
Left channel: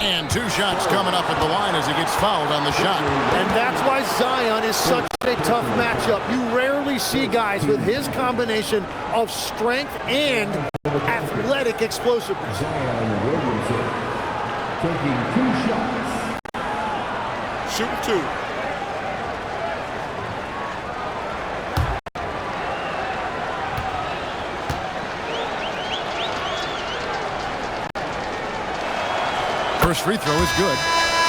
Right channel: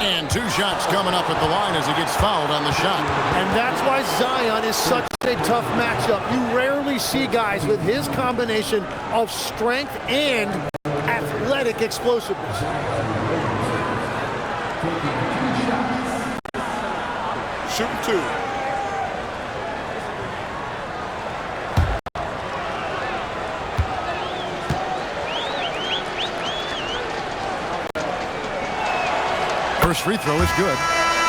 And 2 shots coming up at the line as he gets fouled on the shot. And that's why Zion is such a tough matchup. You rarely see guys with his combination of strength and athletic explosiveness. Zion Williamson taking 2 shots. Shooting 2. First free throw is good.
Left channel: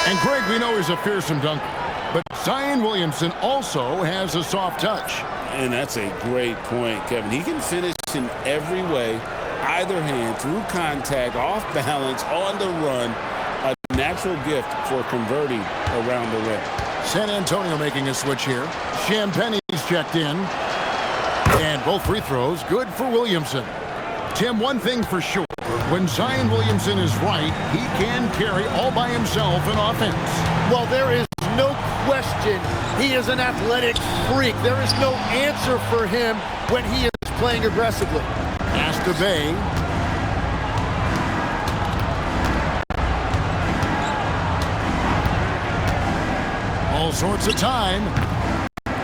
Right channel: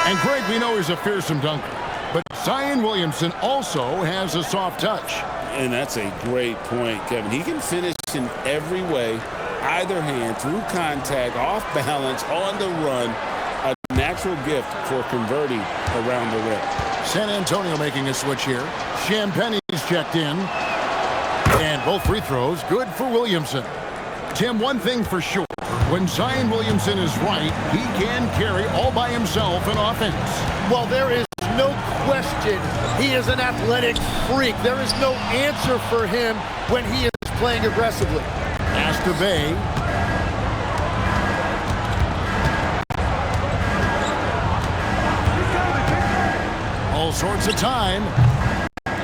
And Greg, we know he's a fearsome dunker. But Zion Williamson also has a soft touch. And that's a great point, Kevin. He can finish in every way, either hand, through contact, off balance, on the run. A natural gift for converting around the rim. San Antonio making a switch here. Champagne's checked in. And both free throws good for Williamson. Tim, one thing for sure, when Zion Williamson is right, he can carry all by himself in offense. Well, there is no question he is an athletic freak. There is no answer for him when he is playing aggressively. Pass to Bay. All sorts of time.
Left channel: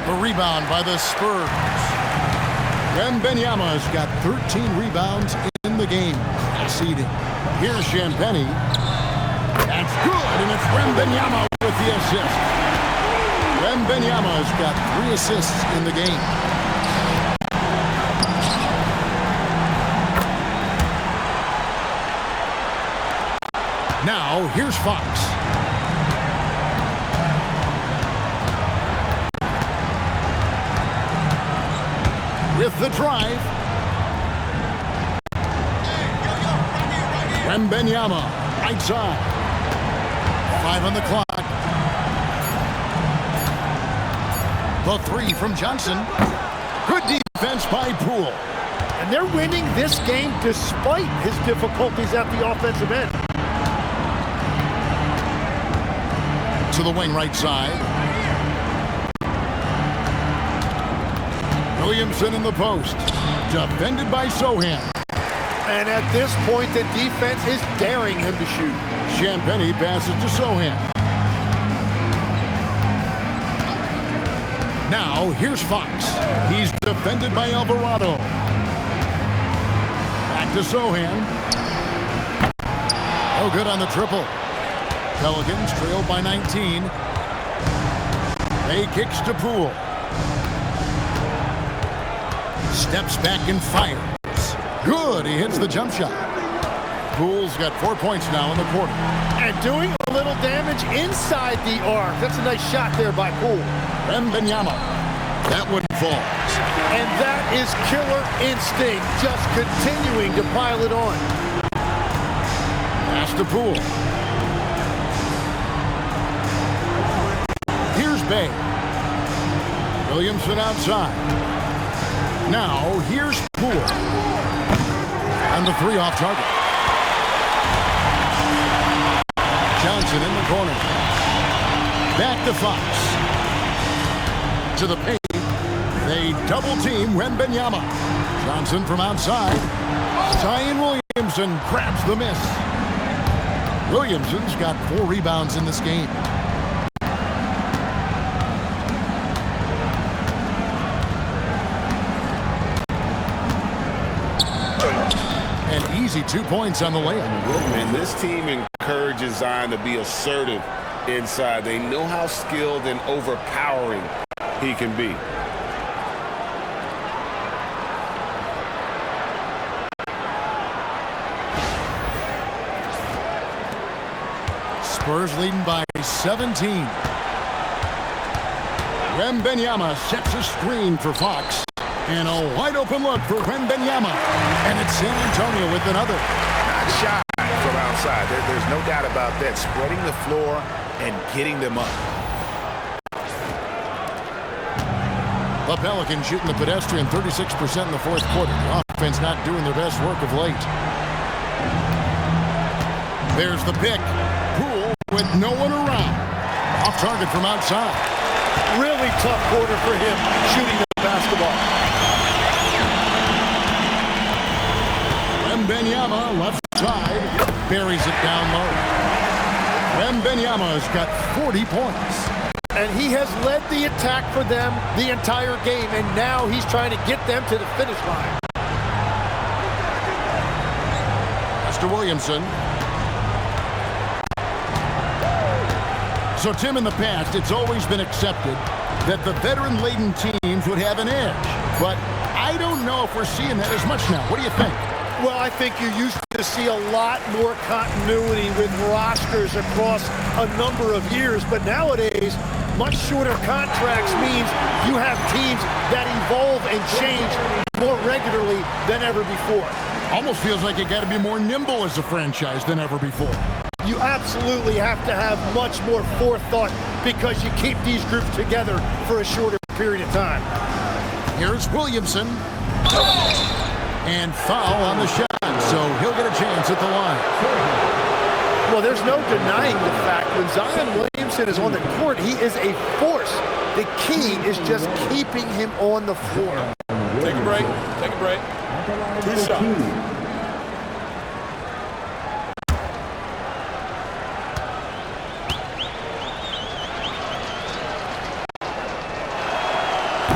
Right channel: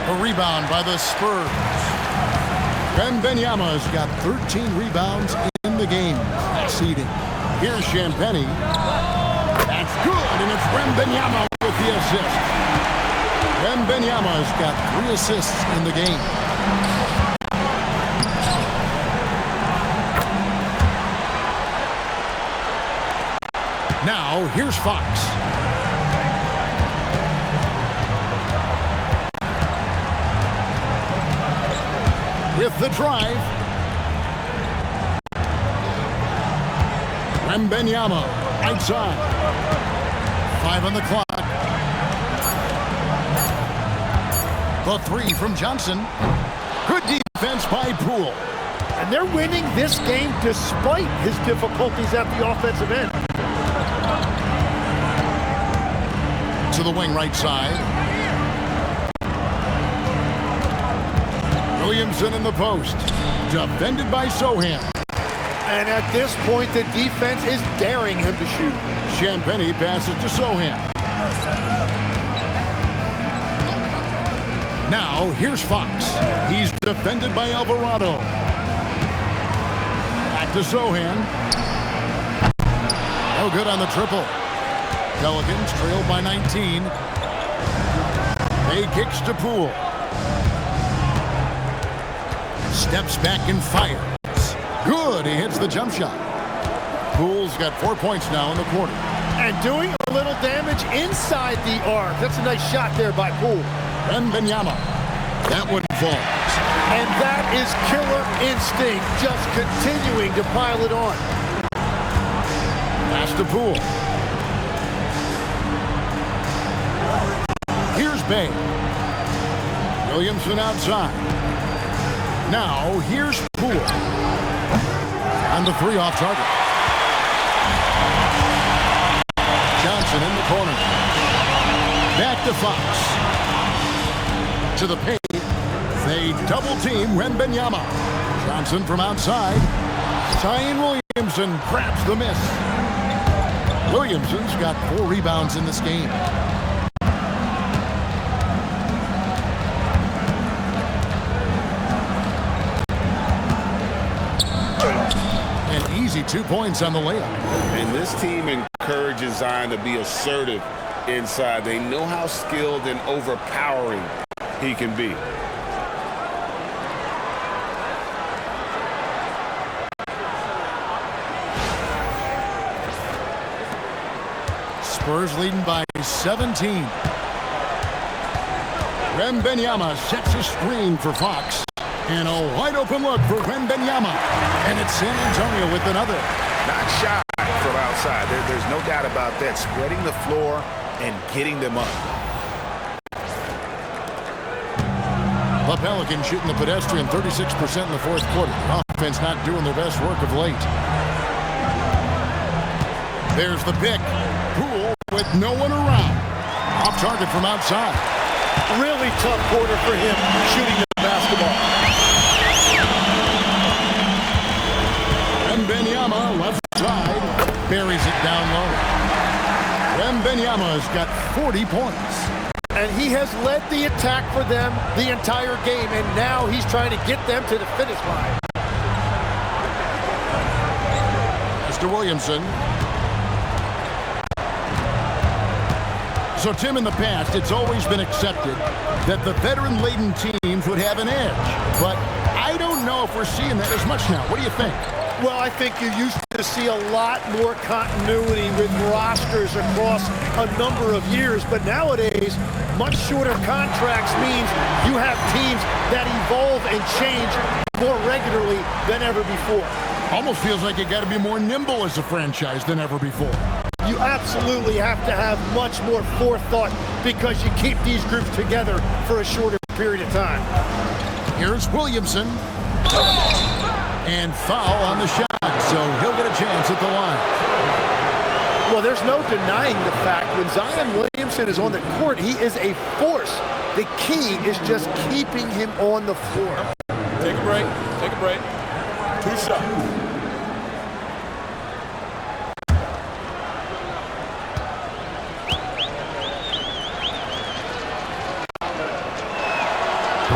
The rebound by the Spurs. Wembanyama's got 13 rebounds in the game. Seeding. Here's Champagnie. That's good, and it's Wembanyama with the assist. Wembanyama's got 3 assists in the game. Now, here's Fox. With the drive. Wembanyama, right side. 5 on the clock. The 3 from Johnson. Good defense by Poole. And they're winning this game despite his difficulties at the offensive end. To the wing right side. Williamson in the post. Defended by Sohan. And at this point, the defense is daring him to shoot. Champagny passes to Sohan. Now, here's Fox. He's defended by Alvarado. Back to Sohan. No good on the triple. Pelicans trail by 19. May kicks to Poole. Steps back and fires. Good, he hits the jump shot. Poole's got 4 points now in the quarter. And doing a little damage inside the arc. That's a nice shot there by Poole. Wembanyama. That one falls. And that is killer instinct, just continuing to pile it on. Pass to Poole. Here's Bay. Williamson outside. Now, here's Poole. And the three off target. Johnson in the corner. Back to Fox. To the paint. They double team Wembanyama. Johnson from outside. Zion Williamson grabs the miss. Williamson's got 4 rebounds in this game. An easy 2 points on the layup. And this team encourages Zion to be assertive inside. They know how skilled and overpowering he can be. Spurs leading by 17. Wembanyama sets a screen for Fox. And a wide open look for Wembanyama. And it's San Antonio with another. Not shy from outside. There's no doubt about that. Spreading the floor and getting them up. The Pelicans shooting the pedestrian 36% in the fourth quarter. The offense not doing their best work of late. There's the pick. Poole with no one around. Off target from outside. Really tough quarter for him shooting the basketball. Wembanyama left side. Buries it down low. Wembanyama's got 40 points. And he has led the attack for them the entire game, and now he's trying to get them to the finish line. Pass to Williamson. So, Tim, in the past, it's always been accepted that the veteran-laden teams would have an edge. But I don't know if we're seeing that as much now. What do you think? Well, I think you used to see a lot more continuity with rosters across a number of years. But nowadays, much shorter contracts means you have teams that evolve and change more regularly than ever before. Almost feels like you got to be more nimble as a franchise than ever before. You absolutely have to have much more forethought because you keep these groups together for a shorter period of time. Here's Williamson. And foul on the shot, so he'll get a chance at the line. Well, there's no denying the fact when Zion Williamson is on the court, he is a force. The key is just keeping him on the floor. Take a break. Take a break. 2 shots.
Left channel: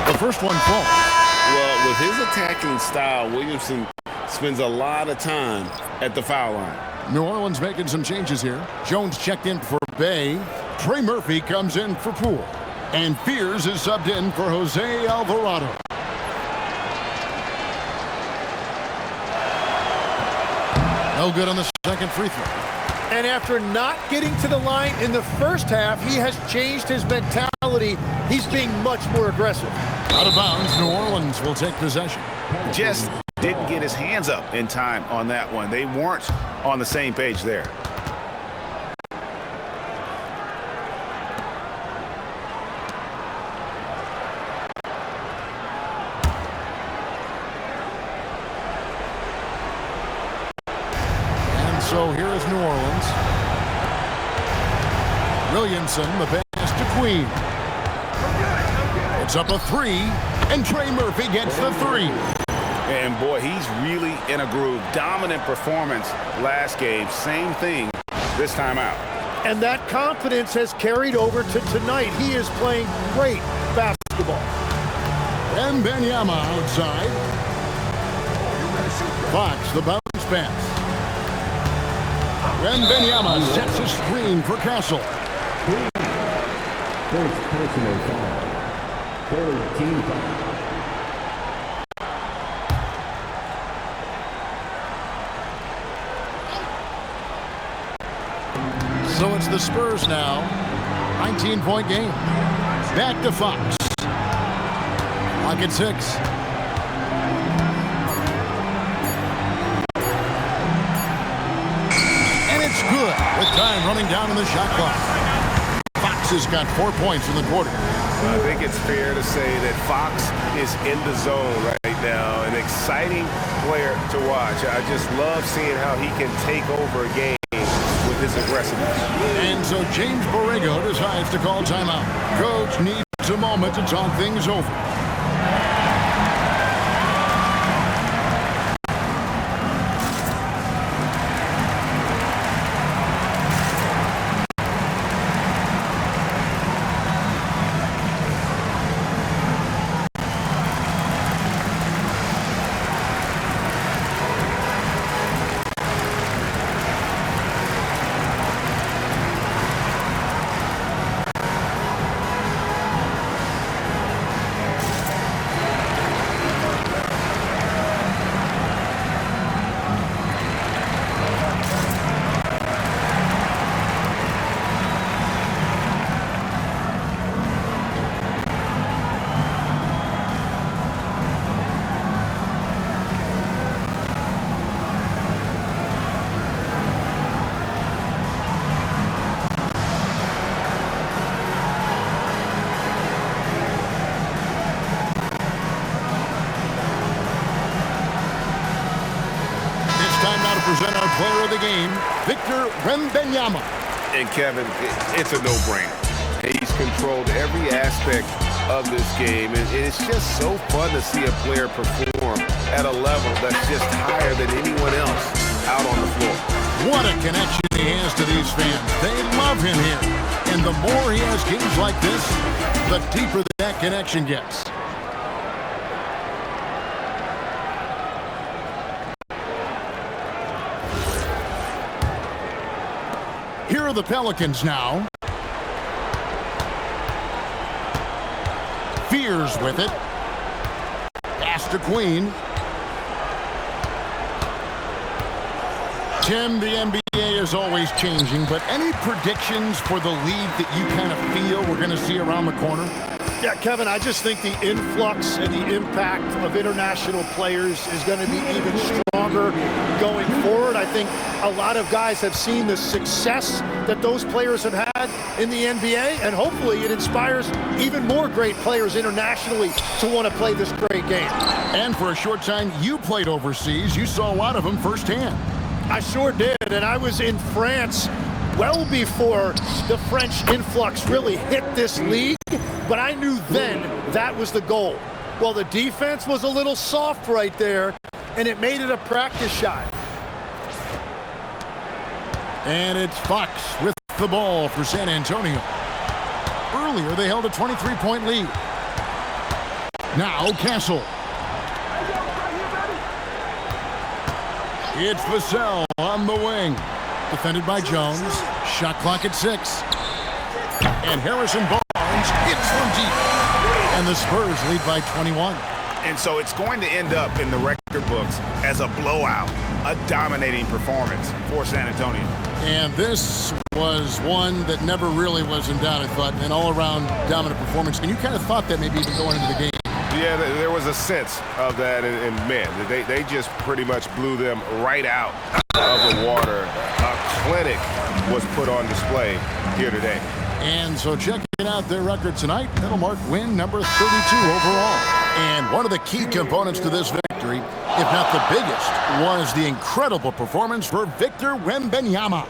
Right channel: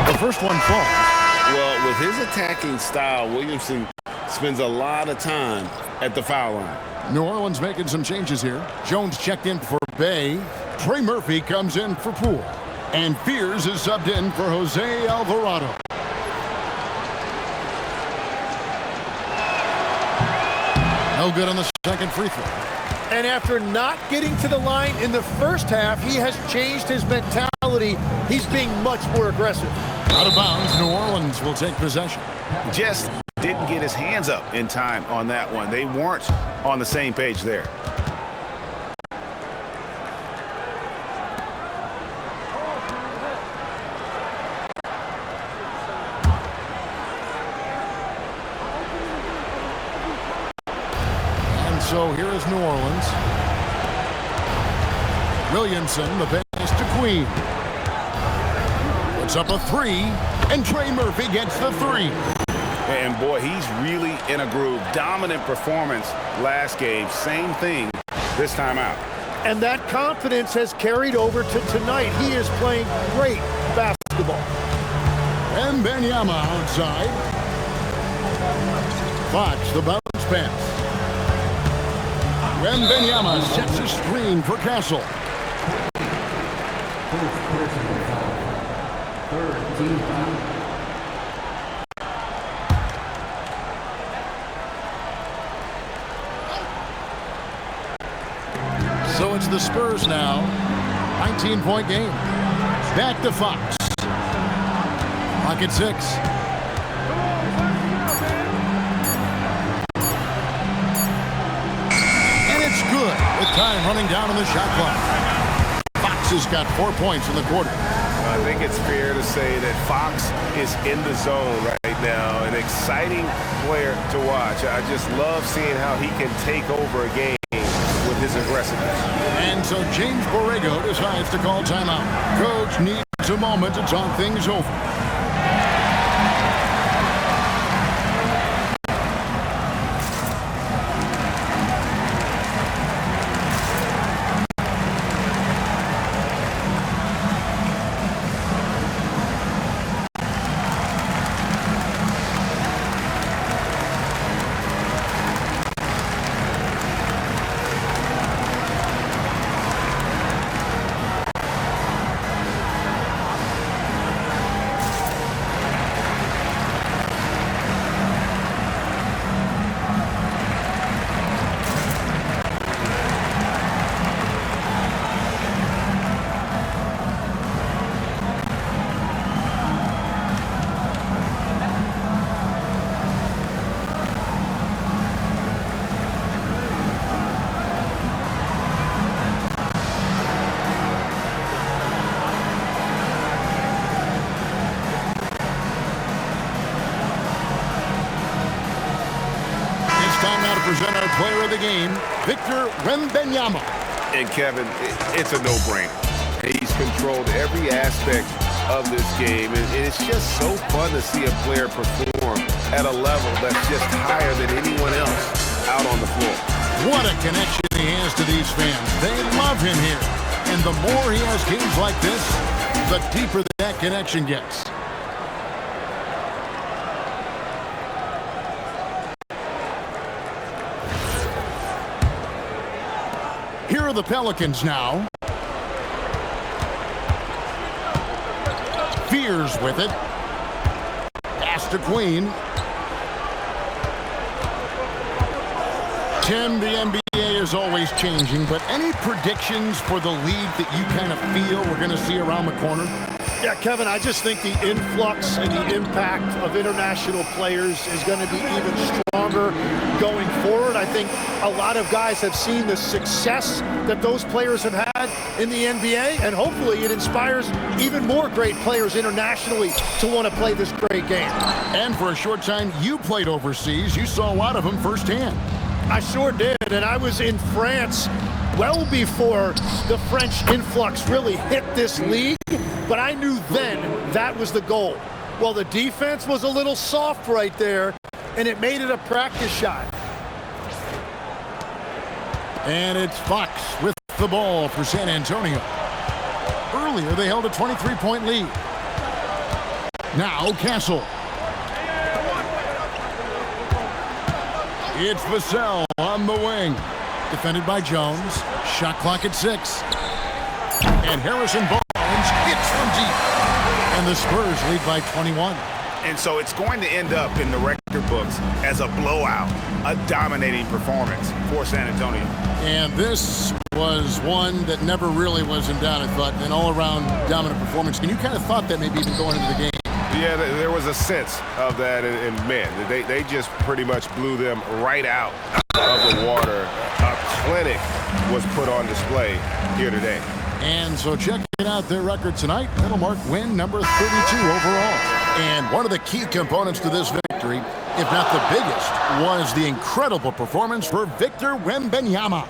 The first one falls. Well, with his attacking style, Williamson spends a lot of time at the foul line. New Orleans making some changes here. Jones checked in for Bay. Trey Murphy comes in for Poole. And Fears is subbed in for Jose Alvarado. No good on the second free throw. And after not getting to the line in the first half, he has changed his mentality. He's being much more aggressive. Out of bounds, New Orleans will take possession. Just didn't get his hands up in time on that one. They weren't on the same page there. So here is New Orleans. Williamson, the pass to Queen. Puts up a three, and Trey Murphy gets the three. And boy, he's really in a groove. Dominant performance last game. Same thing this time out. And that confidence has carried over to tonight. He is playing great basketball. Wembanyama outside. Fox, the bounce pass. Wembanyama sets a screen for Castle. First personal foul. Third team foul. So it's the Spurs now. 19-point game. Back to Fox. Clock at 6. And it's good with time running down on the shot clock. Fox has got 4 points in the quarter. Well, I think it's fair to say that Fox is in the zone right now. An exciting player to watch. I just love seeing how he can take over a game with his aggressiveness. And so James Borrego decides to call timeout. Coach needs a moment to talk things over. It's time now to present our player of the game, Victor Wembanyama. And Kevin, it's a no-brainer. He's controlled every aspect of this game, and it's just so fun to see a player perform at a level that's just higher than anyone else out on the floor. What a connection he has to these fans. They love him here. And the more he has games like this, the deeper that connection gets. Here are the Pelicans now. Fears with it. Pass to Queen. Tim, the NBA is always changing, but any predictions for the league that you kind of feel we're going to see around the corner? Yeah, Kevin, I just think the influx and the impact of international players is going to be even stronger going forward. I think a lot of guys have seen the success that those players have had in the NBA, and hopefully it inspires even more great players internationally to want to play this great game. And for a short time, you played overseas. You saw a lot of them firsthand. I sure did, and I was in France well before the French influx really hit this league, but I knew then that was the goal. Well, the defense was a little soft right there, and it made it a practice shot. And it's Fox with the ball for San Antonio. Earlier, they held a 23-point lead. Now, Castle. It's Vassell on the wing. Defended by Jones. Shot clock at 6. And Harrison Barnes hits from deep. And the Spurs lead by 21. And so it's going to end up in the record books as a blowout, a dominating performance for San Antonio. And this was one that never really was in doubt, I thought, an all-around dominant performance. And you kind of thought that maybe even going into the game. Yeah, there was a sense of that, and man, they just pretty much blew them right out of the water. A clinic was put on display here today. And so checking out their record tonight, that'll mark win number 32 overall. And one of the key components to this victory if not the biggest, was the incredible performance for Victor Wembanyama.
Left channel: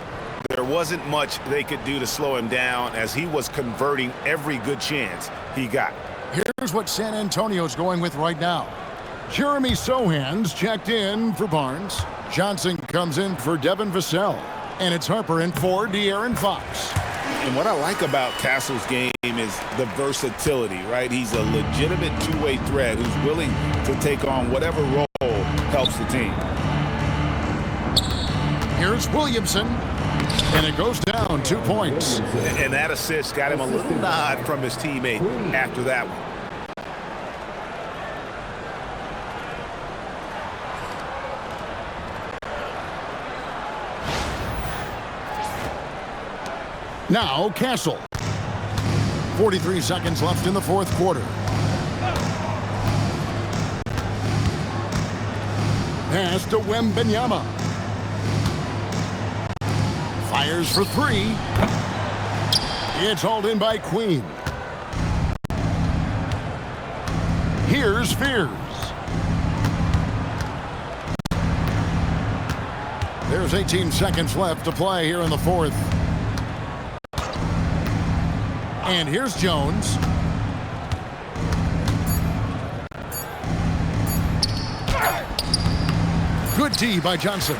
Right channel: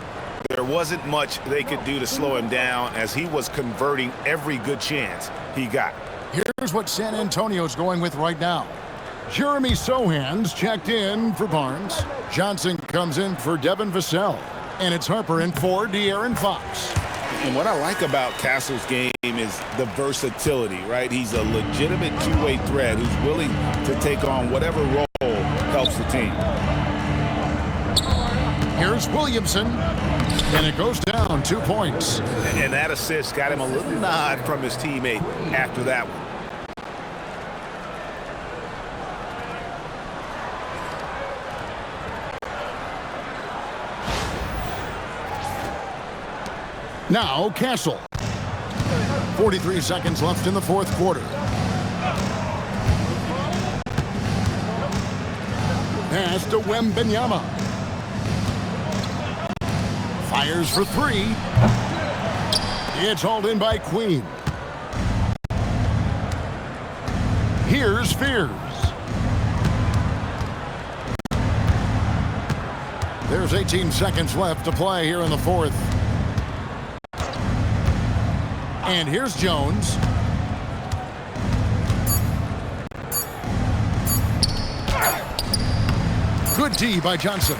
There wasn't much they could do to slow him down as he was converting every good chance he got. Here's what San Antonio's going with right now. Jeremy Sohan's checked in for Barnes. Johnson comes in for Devin Vassell. And it's Harper in for De'Aaron Fox. And what I like about Castle's game is the versatility, right? He's a legitimate two-way threat who's willing to take on whatever role helps the team. Here's Williamson, and it goes down 2 points. And that assist got him a little nod from his teammate after that one. Now Castle. 43 seconds left in the fourth quarter. Pass to Wembanyama. Fires for three. It's hauled in by Queen. Here's Fears. There's 18 seconds left to play here in the fourth. And here's Jones. Good D by Johnson.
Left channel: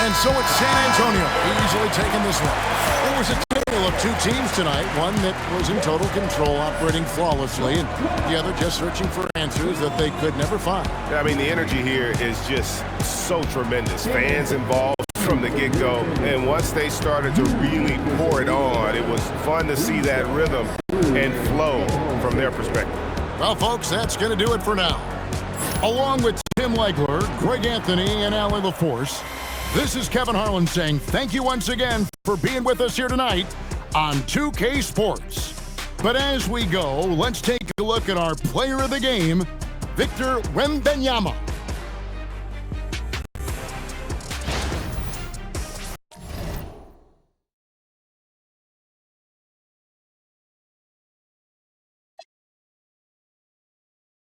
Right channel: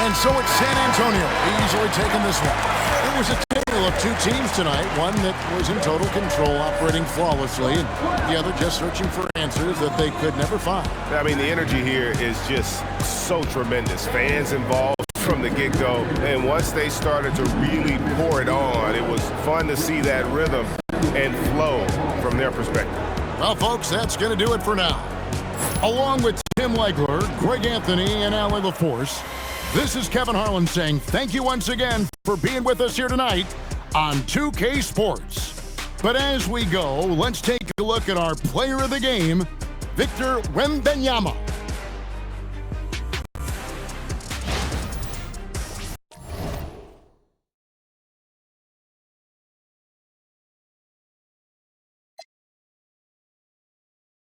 And so it's San Antonio easily taking this one. It was a tale of two teams tonight, one that was in total control, operating flawlessly, and the other just searching for answers that they could never find. I mean, the energy here is just so tremendous. Fans involved from the get-go, and once they started to really pour it on, it was fun to see that rhythm and flow from their perspective. Well, folks, that's going to do it for now. Along with Tim Legler, Greg Anthony, and Allie LaForce, this is Kevin Harlan saying thank you once again for being with us here tonight on 2K Sports. But as we go, let's take a look at our player of the game, Victor Wembanyama.